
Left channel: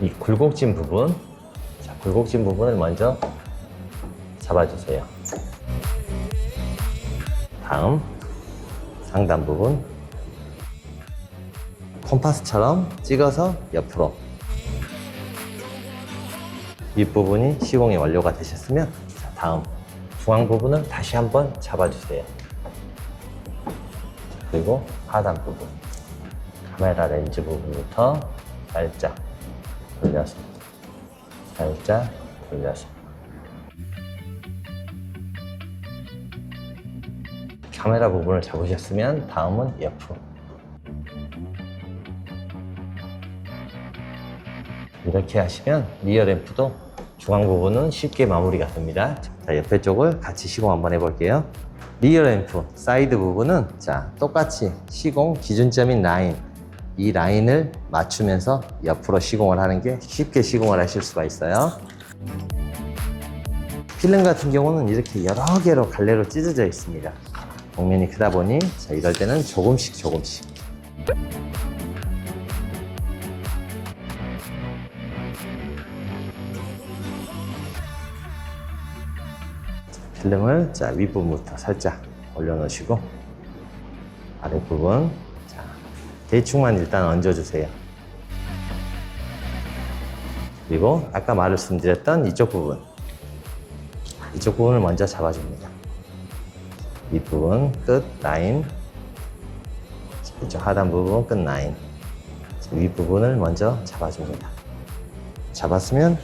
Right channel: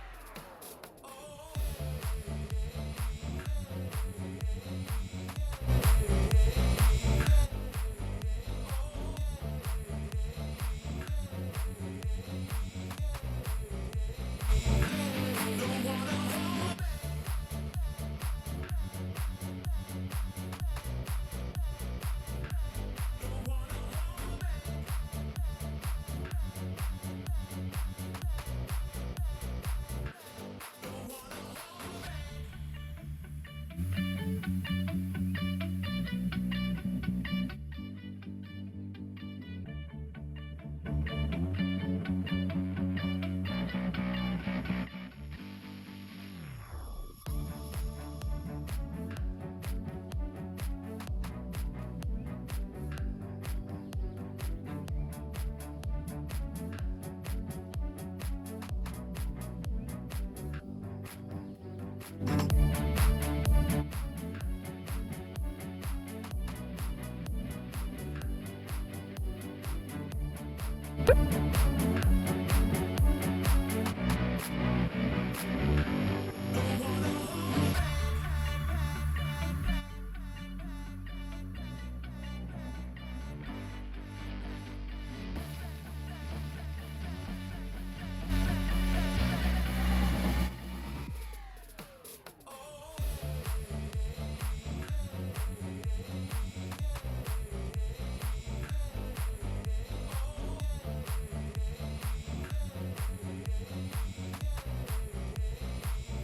이 굴곡진 부분, 자, 굴곡진 부분을 먼저 잡아주세요. 다음 상단 부분, 콤파스처럼 찍어서 옆으로. 윗부분이 시공이 완료가 되셨으면 다음 중앙 부분을 다시 한번 잡아주세요. 그리고 하단 부분, 카메라 렌즈 부분부터 살짝 돌려서, 살짝 돌려서. 카메라 부분을 잡으셨으면 다음은 옆으로. 이렇게 하시면 리어 램프도 중앙 부분은 쉽게 마무리가 됩니다. 자, 옆에 쪽을 같이 시공 한번 해볼게요. 리어 램프 사이드 부분은 자, 똑같이 시공 기준점인 라인, 이 라인을 맞추면서 옆으로 시공을 하는 게 쉽게 시공을 하실 수가 있어요. 필름 같은 경우는 이렇게 여러 개로 갈래로 찢어져 있습니다. 곡면이 크다 보니 자, 이럴 때는 조금씩 필름을 자, 윗부분부터 살짝 올려놓으시고 아랫부분 자, 대충만 일단 얹어주세요. 그리고 아까 말씀드렸던 이쪽 부분을 먼저 잡아줍니다. 윗부분 끝 라인, 이쪽 하단 부분 끝 라인, 윗부분을 먼저 잡아줍니다. 잡았으면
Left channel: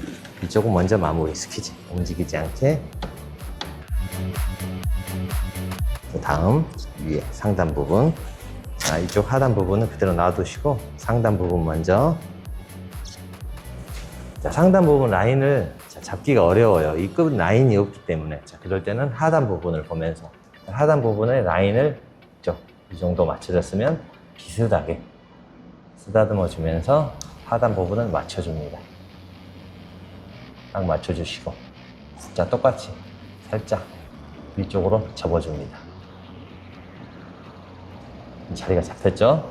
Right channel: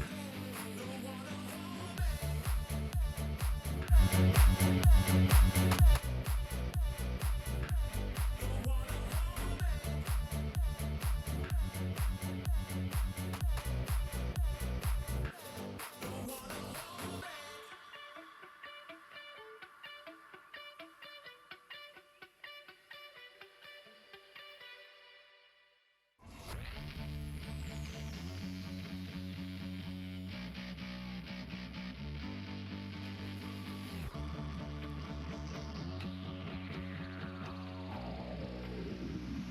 이쪽은 먼저 마무리, 스키지 움직이지 않게. 다음 위에 상단 부분, 자, 이쪽 하단 부분은 그대로 놔두시고 상단 부분 먼저. 자, 상단 부분 라인을 잡기가 어려워요. 이 끝 라인이 없기 때문에. 자, 그럴 때는 하단 부분을 보면서 하단 부분의 라인을 이 정도 맞춰졌으면 비슷하게 쓰다듬어 주면서 하단 부분을 맞춰줍니다. 딱 맞춰주시고 자, 똑같이 살짝 위쪽으로 접어줍니다. 자리가 잡혔죠?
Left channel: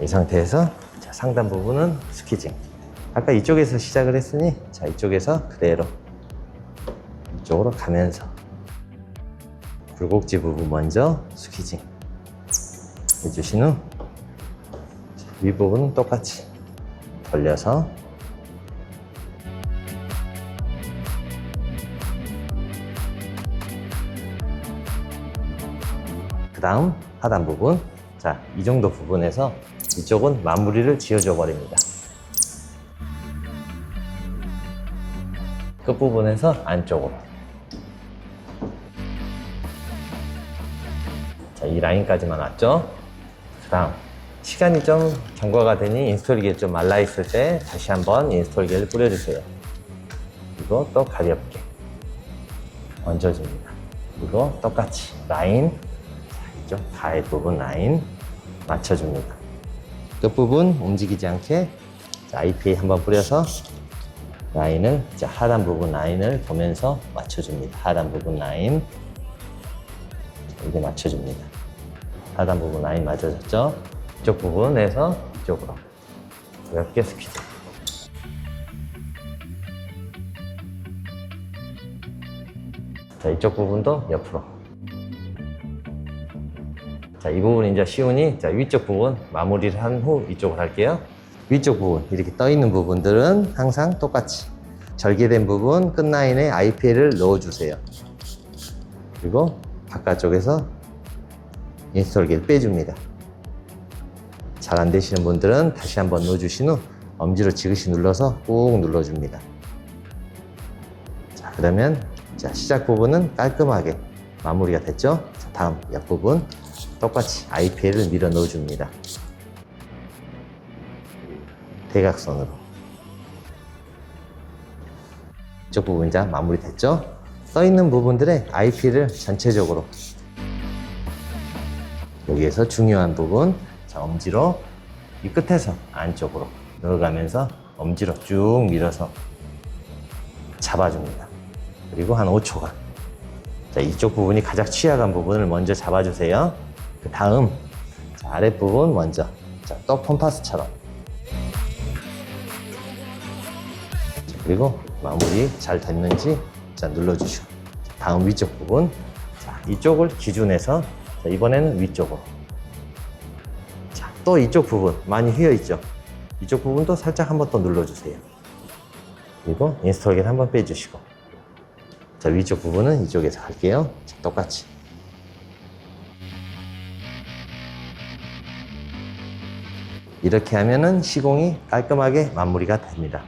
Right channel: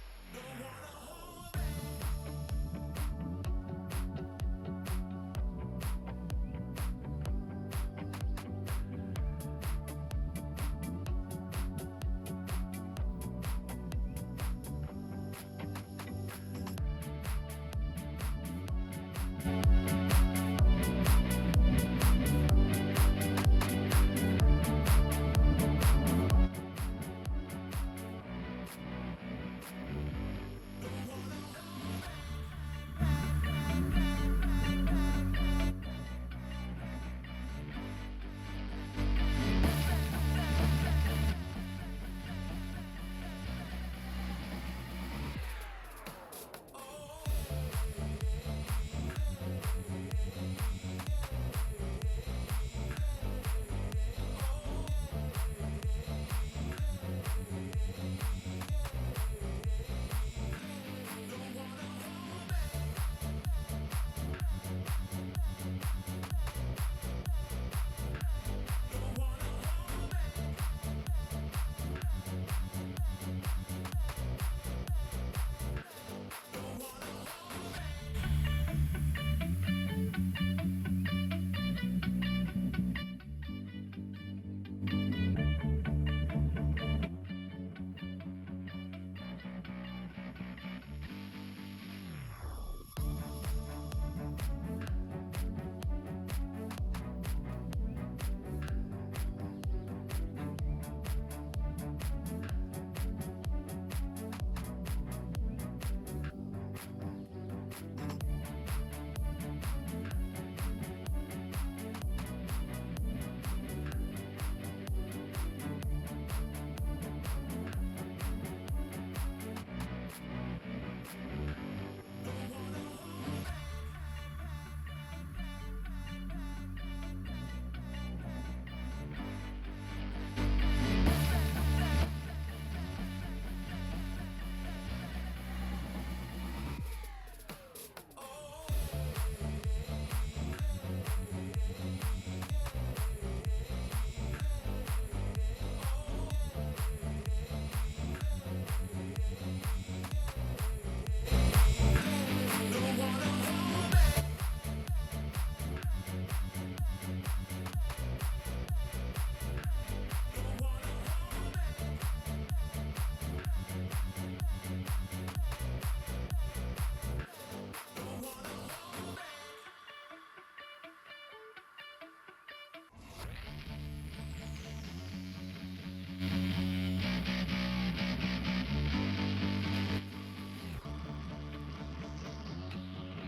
이 상태에서 자, 상단 부분은 스키징. 아까 이쪽에서 시작을 했으니 자, 이쪽에서 그대로 이쪽으로 가면서 굴곡지 부분 먼저 스키징 해주신 후 윗부분은 똑같이 돌려서 그 다음 하단 부분, 자, 이 정도 부분에서 이쪽은 마무리를 지어줘 버립니다. 끝부분에서 안쪽으로. 자, 이 라인까지만 왔죠? 그 다음 시간이 좀 경과가 되니 인스톨기에 좀 말라있을 때 다시 한번 인스톨기를 뿌려주세요. 그리고 또 가볍게 얹어줍니다. 그리고 똑같이 라인, 가해 부분 라인 맞춰줍니다. 끝부분 움직이지 않게 IPA 한번 뿌려서 라인을 하단 부분 라인을 보면서 맞춰줍니다. 하단 부분 라인 이렇게 맞춰줍니다. 하단 부분 라인 맞아졌죠? 이쪽 부분에서 이쪽으로 가볍게 스퀴즈. 자, 이쪽 부분도 옆으로. 자, 이 부분 이제 쉬우니 자, 위쪽 부분 마무리를 한 후 이쪽으로 할게요. 위쪽 부분 이렇게 떠 있는 부분들은 항상 똑같이 절개된 부분 끝라인에 IPL을 넣어주세요. 그리고 바깥쪽에서 인스톨기를 빼줍니다. 잘 안 되시는 분들은 다시 한번 넣어주신 후 엄지로 지그시 눌러서 꾹 눌러줍니다. 자, 그러면 자, 시작 부분은 깔끔하게 마무리가 됐죠? 다음 옆부분 똑같이 IPL을 밀어 넣어줍니다. 대각선으로. 이쪽 부분 이제 마무리 됐죠? 써있는 부분들의 IP를 전체적으로 여기에서 중요한 부분 자, 엄지로 이 끝에서 안쪽으로 넣어가면서 엄지로 쭉 밀어서 잡아줍니다. 그리고 한 5초간 자, 이쪽 부분이 가장 취약한 부분을 먼저 잡아주세요. 그 다음 아랫부분 먼저 자, 또 컴파스처럼 자, 그리고 마무리 잘 됐는지 자, 눌러주시고 다음 위쪽 부분 자, 이쪽을 기준해서 자, 이번에는 위쪽으로 자, 또 이쪽 부분 많이 휘어있죠? 이쪽 부분도 살짝 한번 더 눌러주세요. 그리고 인스톨기를 한번 빼주시고 자, 위쪽 부분은 이쪽에서 할게요. 자, 똑같이 이렇게 하면은 시공이 깔끔하게 마무리가 됩니다.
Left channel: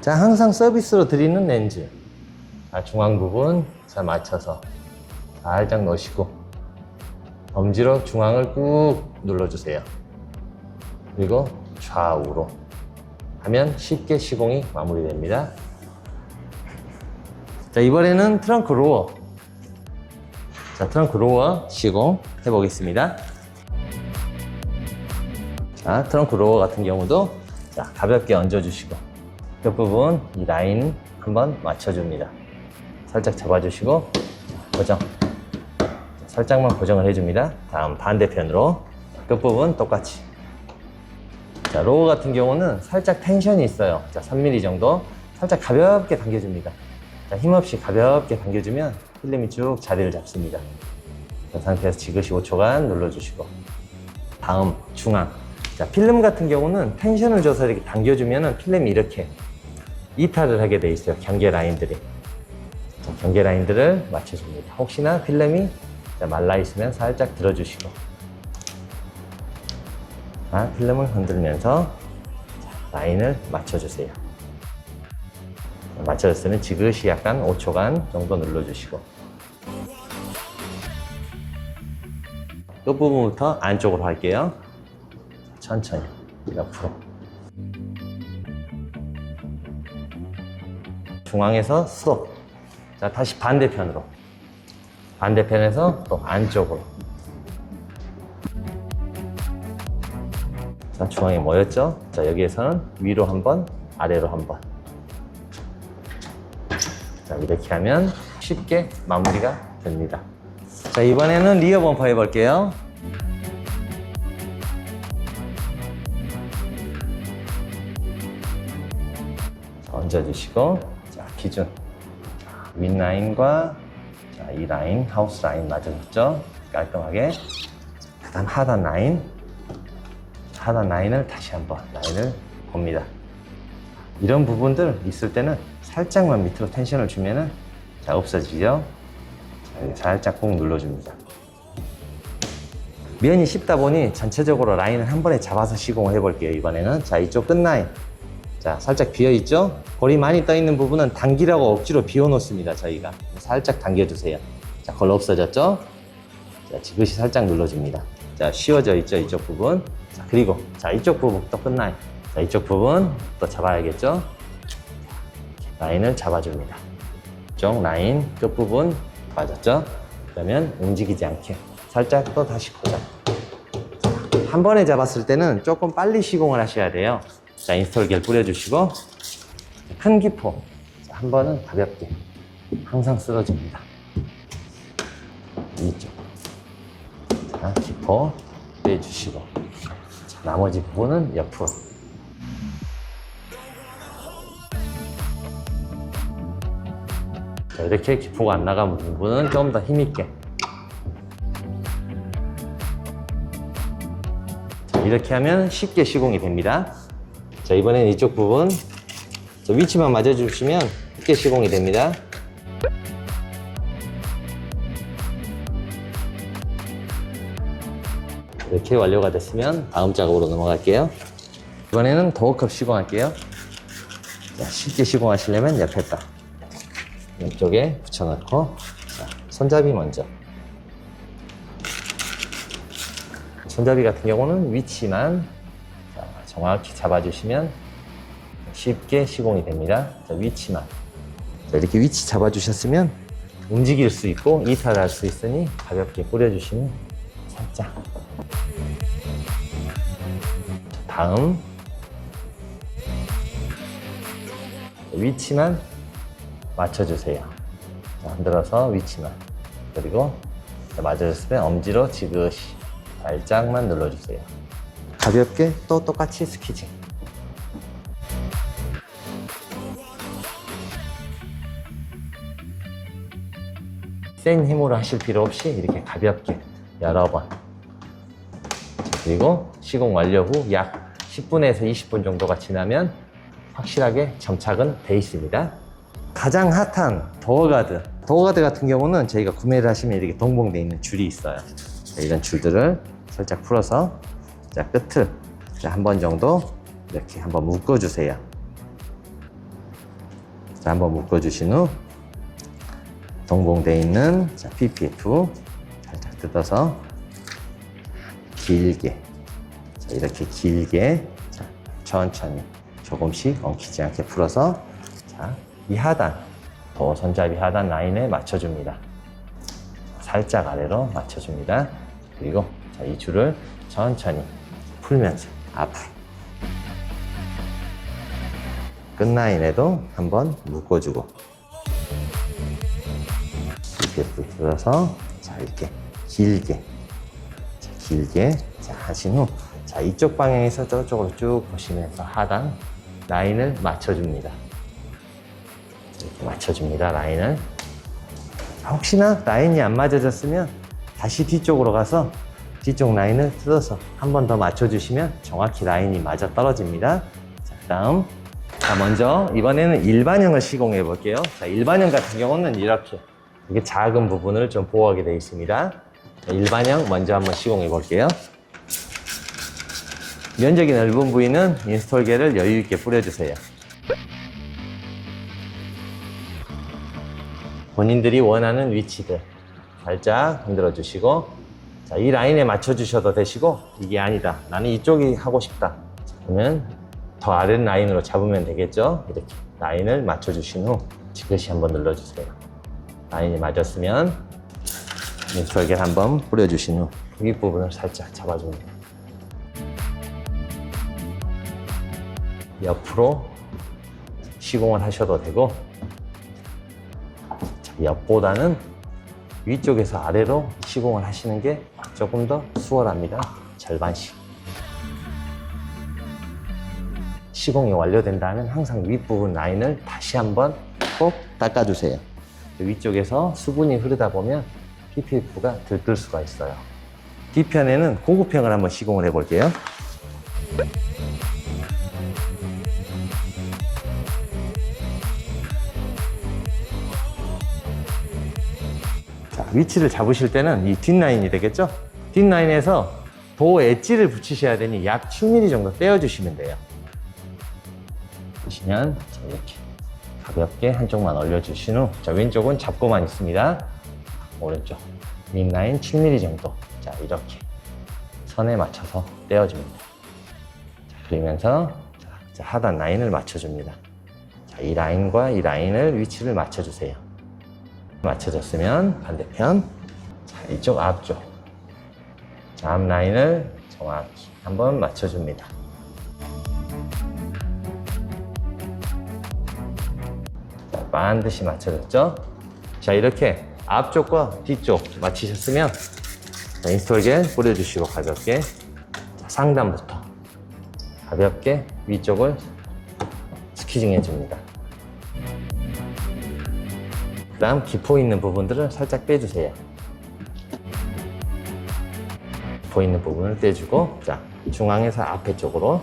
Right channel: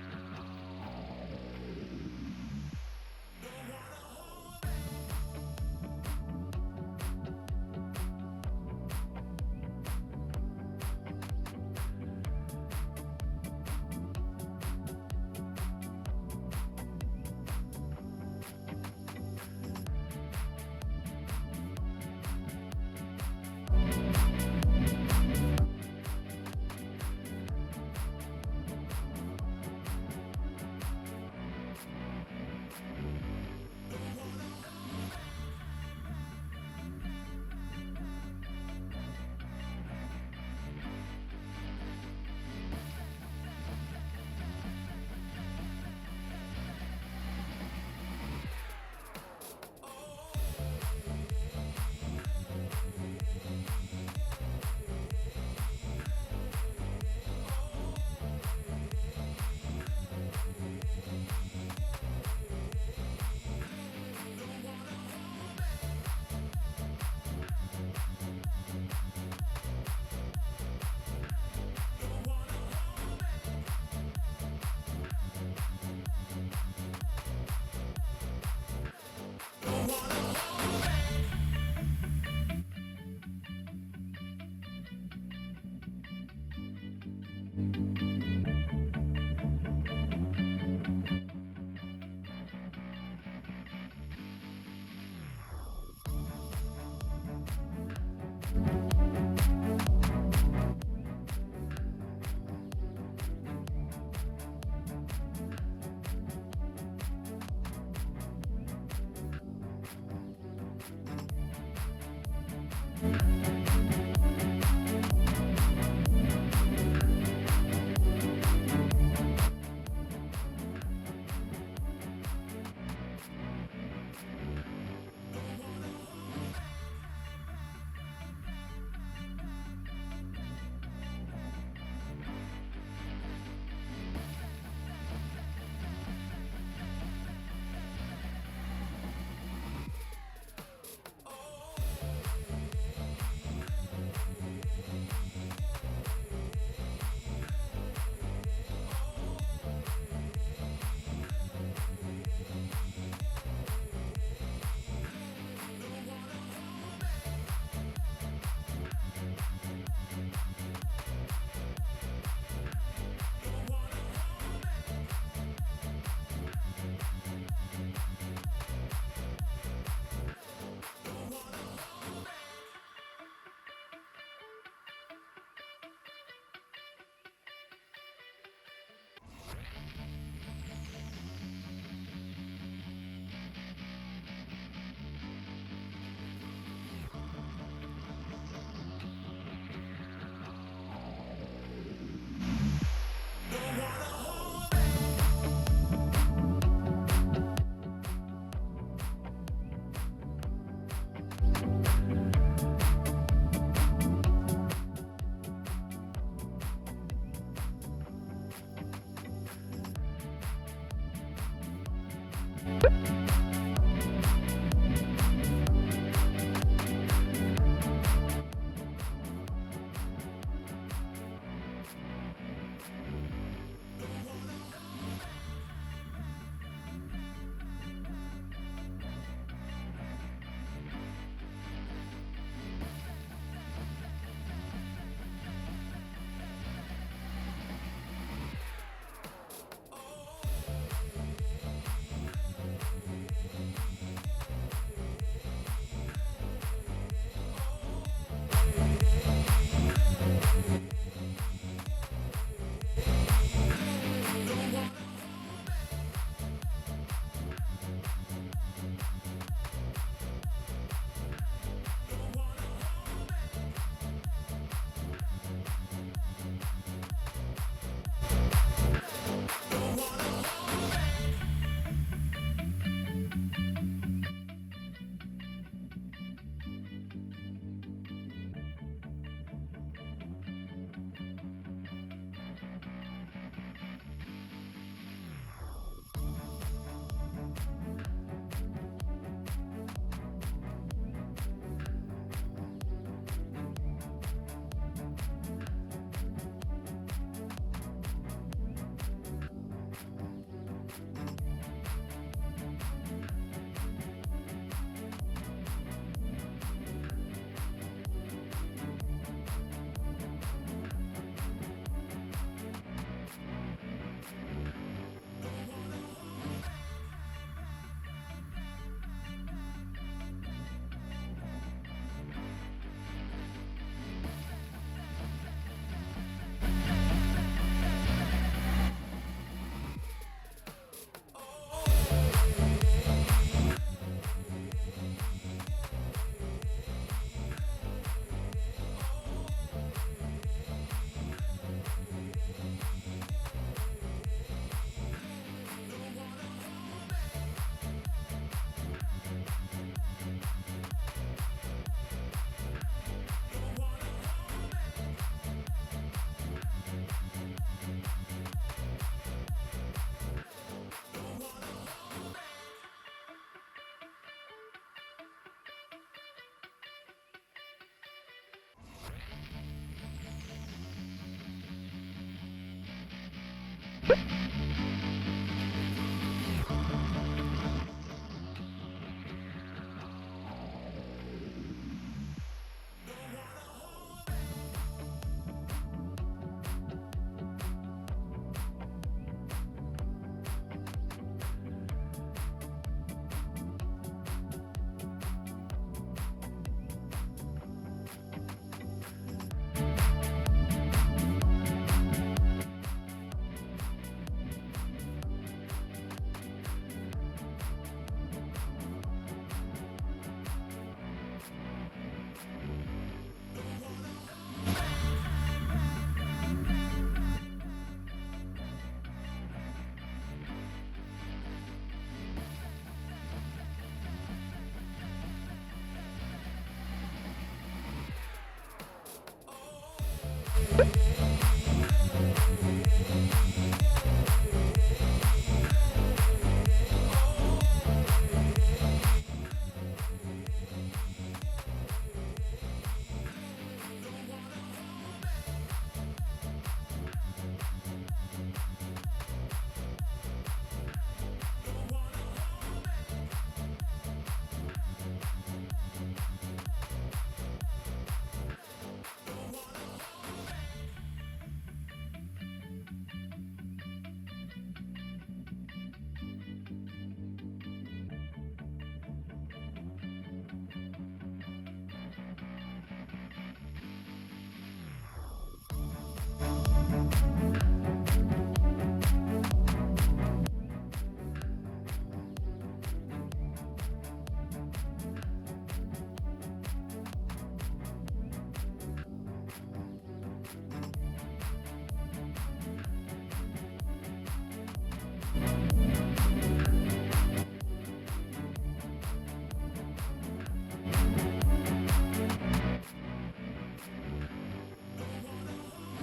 자, 항상 서비스로 드리는 렌즈 자, 중앙 부분 자, 맞춰서 살짝 넣으시고 엄지로 중앙을 꾹 눌러주세요. 그리고 좌우로 하면 쉽게 시공이 마무리됩니다. 자, 이번에는 트렁크 로어 자, 트렁크 로어 시공 해보겠습니다. 자, 트렁크 로어 같은 경우도 자, 가볍게 얹어주시고 옆부분 이 라인 한번 맞춰줍니다. 살짝 잡아주시고 고정 살짝만 고정을 해줍니다. 다음 반대편으로 끝부분 똑같이 자, 로어 같은 경우는 살짝 텐션이 있어요. 자, 3mm 정도 살짝 가볍게 당겨줍니다. 자, 힘없이 가볍게 당겨주면 필름이 쭉 자리를 잡습니다. 이 상태에서 지그시 5초간 눌러주시고 다음 중앙 자, 필름 같은 경우는 텐션을 줘서 이렇게 당겨주면 필름이 이렇게 이탈을 하게 돼 있어요. 경계 라인들이 자, 경계 라인들을 맞춰줍니다. 혹시나 필름이 말라 있으면 살짝 들어주시고 자, 필름을 흔들면서 자, 라인을 맞춰주세요. 맞춰졌으면 지그시 약간 5초간 정도 눌러주시고 끝부분부터 안쪽으로 할게요. 천천히 옆으로 중앙에서 스톱 자, 다시 반대편으로 반대편에서 또 안쪽으로 자, 중앙에 모였죠? 자, 여기에서는 위로 한번 아래로 한번 자, 이렇게 하면 쉽게 마무리가 됩니다. 자, 이번에는 리어 범퍼 해볼게요. 얹어주시고 자, 기준 윗라인과 자, 이 라인 하우스 라인 맞아줬죠? 깔끔하게 그 다음 하단 라인을 다시 한번 라인을 봅니다. 이런 부분들 있을 때는 살짝만 밑으로 텐션을 주면은 자, 없어지죠? 자, 살짝 꾹 눌러줍니다. 면이 쉽다 보니 전체적으로 라인을 한 번에 잡아서 시공을 해볼게요. 이번에는 자, 이쪽 끝라인 자, 살짝 비어있죠? 볼이 많이 떠있는 부분은 당기라고 억지로 비워놓습니다, 저희가. 살짝 당겨주세요. 자, 걸러 없어졌죠? 자, 지그시 살짝 눌러줍니다. 자, 쉬워져 있죠, 이쪽 부분. 자, 그리고, 자, 이쪽 부분 또 끝나요. 자, 이쪽 부분 또 잡아야겠죠? 라인을 잡아줍니다. 이쪽 라인 끝부분 맞았죠? 그러면 움직이지 않게 살짝 또 다시 고정. 한 번에 잡았을 때는 조금 빨리 시공을 하셔야 돼요. 자, 인스톨겔 뿌려주시고 큰 기포. 자, 한 번은 가볍게 항상 쓰러집니다. 이쪽. 자, 기포 빼주시고 자, 나머지 부분은 옆으로. 자, 이렇게 기포가 안 나가는 부분은 좀 더 힘있게. 자, 이렇게 하면 쉽게 시공이 됩니다. 자, 이번엔 이쪽 부분 자, 위치만 맞아주시면 쉽게 시공이 됩니다. 이렇게 완료가 됐으면 다음 작업으로 넘어갈게요. 이번에는 도어컵 시공할게요. 자, 쉽게 시공하시려면 옆에다 이쪽에 붙여놓고 자, 손잡이 먼저. 손잡이 같은 경우는 위치만 자, 정확히 잡아주시면 쉽게 시공이 됩니다. 자, 위치만. 자, 이렇게 위치 잡아주셨으면 움직일 수 있고 이탈할 수 있으니 가볍게 뿌려주시면 살짝. 다음 위치만 맞춰주세요. 흔들어서 위치만. 그리고 맞아줬을 때 엄지로 지그시 살짝만 눌러주세요. 가볍게 또 똑같이 스키징. 센 힘으로 하실 필요 없이 이렇게 가볍게 여러 번. 그리고 시공 완료 후 약 10분에서 20분 정도가 지나면 확실하게 점착은 돼 있습니다. 가장 핫한 도어가드. 도어가드 같은 경우는 저희가 구매를 하시면 이렇게 동봉되어 있는 줄이 있어요. 이런 줄들을 살짝 풀어서 자, 끝을 한 번 정도 이렇게 한번 묶어주세요. 자, 한번 묶어주신 후 동봉되어 있는 자, PPF 살짝 뜯어서 길게 자, 이렇게 길게 자, 천천히 조금씩 엉키지 않게 풀어서 자, 이 하단 도어 손잡이 하단 라인에 맞춰줍니다. 살짝 아래로 맞춰줍니다. 그리고 자, 이 줄을 천천히 풀면서 앞으로 끝라인에도 한번 묶어주고 이렇게 풀어서 자, 이렇게 길게 자, 하신 후 자, 이쪽 방향에서 저쪽으로 쭉 보시면서 하단 라인을 맞춰줍니다. 이렇게 맞춰줍니다. 라인을. 혹시나 라인이 안 맞아졌으면 다시 뒤쪽으로 가서 뒤쪽 라인을 뜯어서 한 번 더 맞춰주시면 정확히 라인이 맞아 떨어집니다. 자, 다음 자, 먼저 이번에는 일반형을 시공해 볼게요. 자, 일반형 같은 경우는 이렇게 작은 부분을 좀 보호하게 되어 있습니다. 자, 일반형 먼저 한번 시공해 볼게요. 면적이 넓은 부위는 인스톨겔을 여유 있게 뿌려주세요. 본인들이 원하는 위치들 살짝 흔들어 주시고 자, 이 라인에 맞춰 주셔도 되시고 이게 아니다 나는 이쪽이 하고 싶다 그러면 더 아래 라인으로 잡으면 되겠죠. 이렇게 라인을 맞춰 주신 후 지그시 한번 눌러 주세요. 라인이 맞았으면 인스톨겔 한번 뿌려 주신 후 윗부분을 살짝 잡아줍니다. 옆으로 시공을 하셔도 되고 옆보다는 위쪽에서 아래로 시공을 하시는 게 조금 더 수월합니다. 절반씩. 시공이 완료된 다음에 항상 윗부분 라인을 다시 한번 꼭 닦아주세요. 위쪽에서 수분이 흐르다 보면 PPF가 들뜰 수가 있어요. 뒤편에는 고급형을 한번 시공을 해볼게요. 위치를 잡으실 때는 이 뒷라인이 되겠죠? 뒷라인에서 도어 엣지를 붙이셔야 되니 약 7mm 정도 떼어주시면 돼요. 보시면 자, 이렇게 가볍게 한쪽만 올려주신 후 자, 왼쪽은 잡고만 있습니다. 오른쪽 윗라인 7mm 정도 자, 이렇게 선에 맞춰서 떼어줍니다. 자, 그리면서 자, 하단 라인을 맞춰줍니다. 자, 이 라인과 이 라인을 위치를 맞춰주세요. 맞춰졌으면 반대편 자, 이쪽 앞쪽 자, 앞 라인을 정확히 한번 맞춰줍니다. 자, 반드시 맞춰졌죠? 자, 이렇게 앞쪽과 뒤쪽 맞추셨으면 자, 인스톨겔 뿌려주시고 가볍게 자, 상단부터 가볍게 위쪽을 스키징 해줍니다. 그 다음 기포 있는 부분들을 살짝 빼주세요. 기포 있는 부분을 떼주고 자, 중앙에서 앞에 쪽으로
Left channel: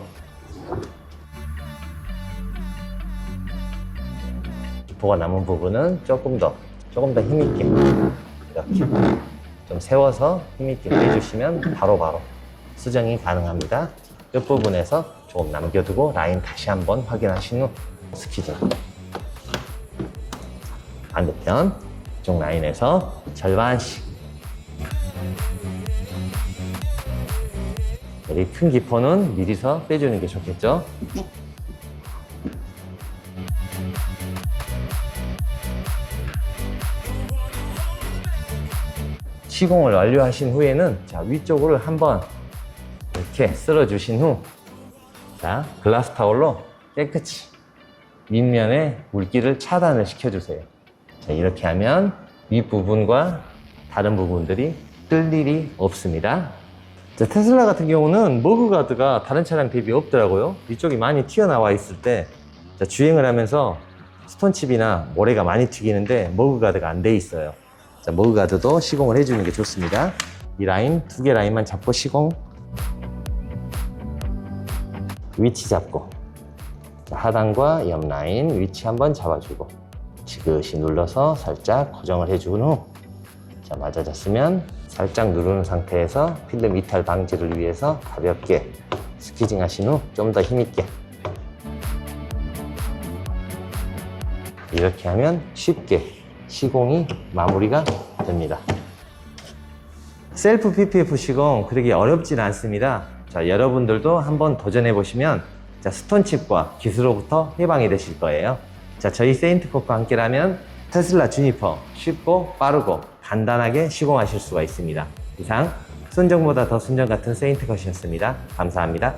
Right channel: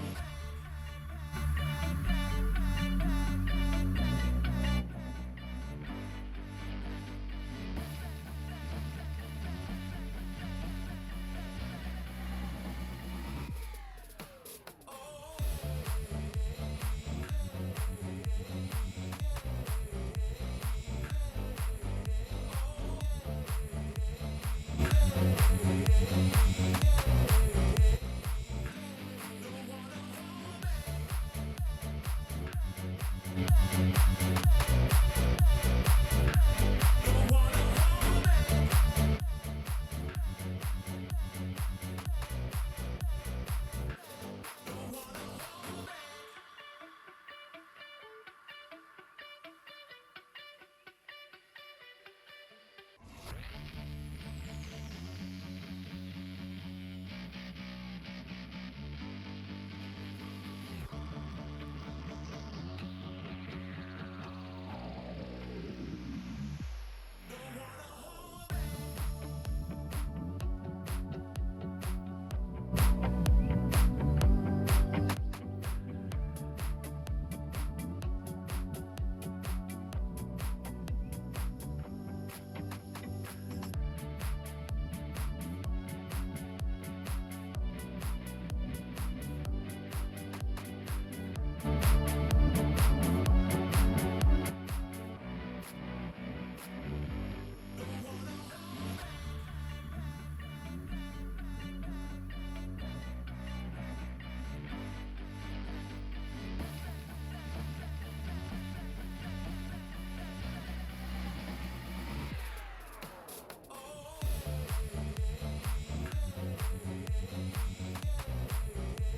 기포가 남은 부분은 조금 더 힘있게 이렇게 좀 세워서 힘있게 빼주시면 바로바로 수정이 가능합니다. 끝부분에서 조금 남겨두고 라인 다시 한번 확인하신 후 스키징. 반대편 이쪽 라인에서 절반씩. 여기 큰 기포는 미리서 빼주는 게 좋겠죠? 시공을 완료하신 후에는 자, 위쪽으로 한번 이렇게 쓸어주신 후 자, 글라스 타올로 깨끗이 윗면에 물기를 차단을 시켜주세요. 자, 이렇게 하면 윗부분과 다른 부분들이 뜰 일이 없습니다. 자, 테슬라 같은 경우는 머그가드가 다른 차량 대비 없더라고요. 이쪽이 많이 튀어나와 있을 때 자, 주행을 하면서 스톤칩이나 모래가 많이 튀기는데 머그가드가 안 돼 있어요. 자, 머그가드도 시공을 해주는 게 좋습니다. 이 라인, 2개 라인만 잡고 시공. 위치 잡고. 자, 하단과 옆 라인 위치 한번 잡아주고. 지그시 눌러서 살짝 고정을 해준 후. 자, 맞아졌으면 살짝 누르는 상태에서 필름 이탈 방지를 위해서 가볍게 스키징 하신 후 좀 더 힘있게. 이렇게 하면 쉽게 시공이 마무리가 됩니다. 셀프 PPF 시공 그렇게 어렵진 않습니다. 자, 여러분들도 한번 도전해 보시면 자, 스톤칩과 기스로부터 해방이 되실 거예요. 자, 저희 세인트컷과 함께라면 테슬라 주니퍼 쉽고 빠르고 간단하게 시공하실 수가 있습니다. 이상 순정보다 더 순정 같은 세인트컷이었습니다. 감사합니다.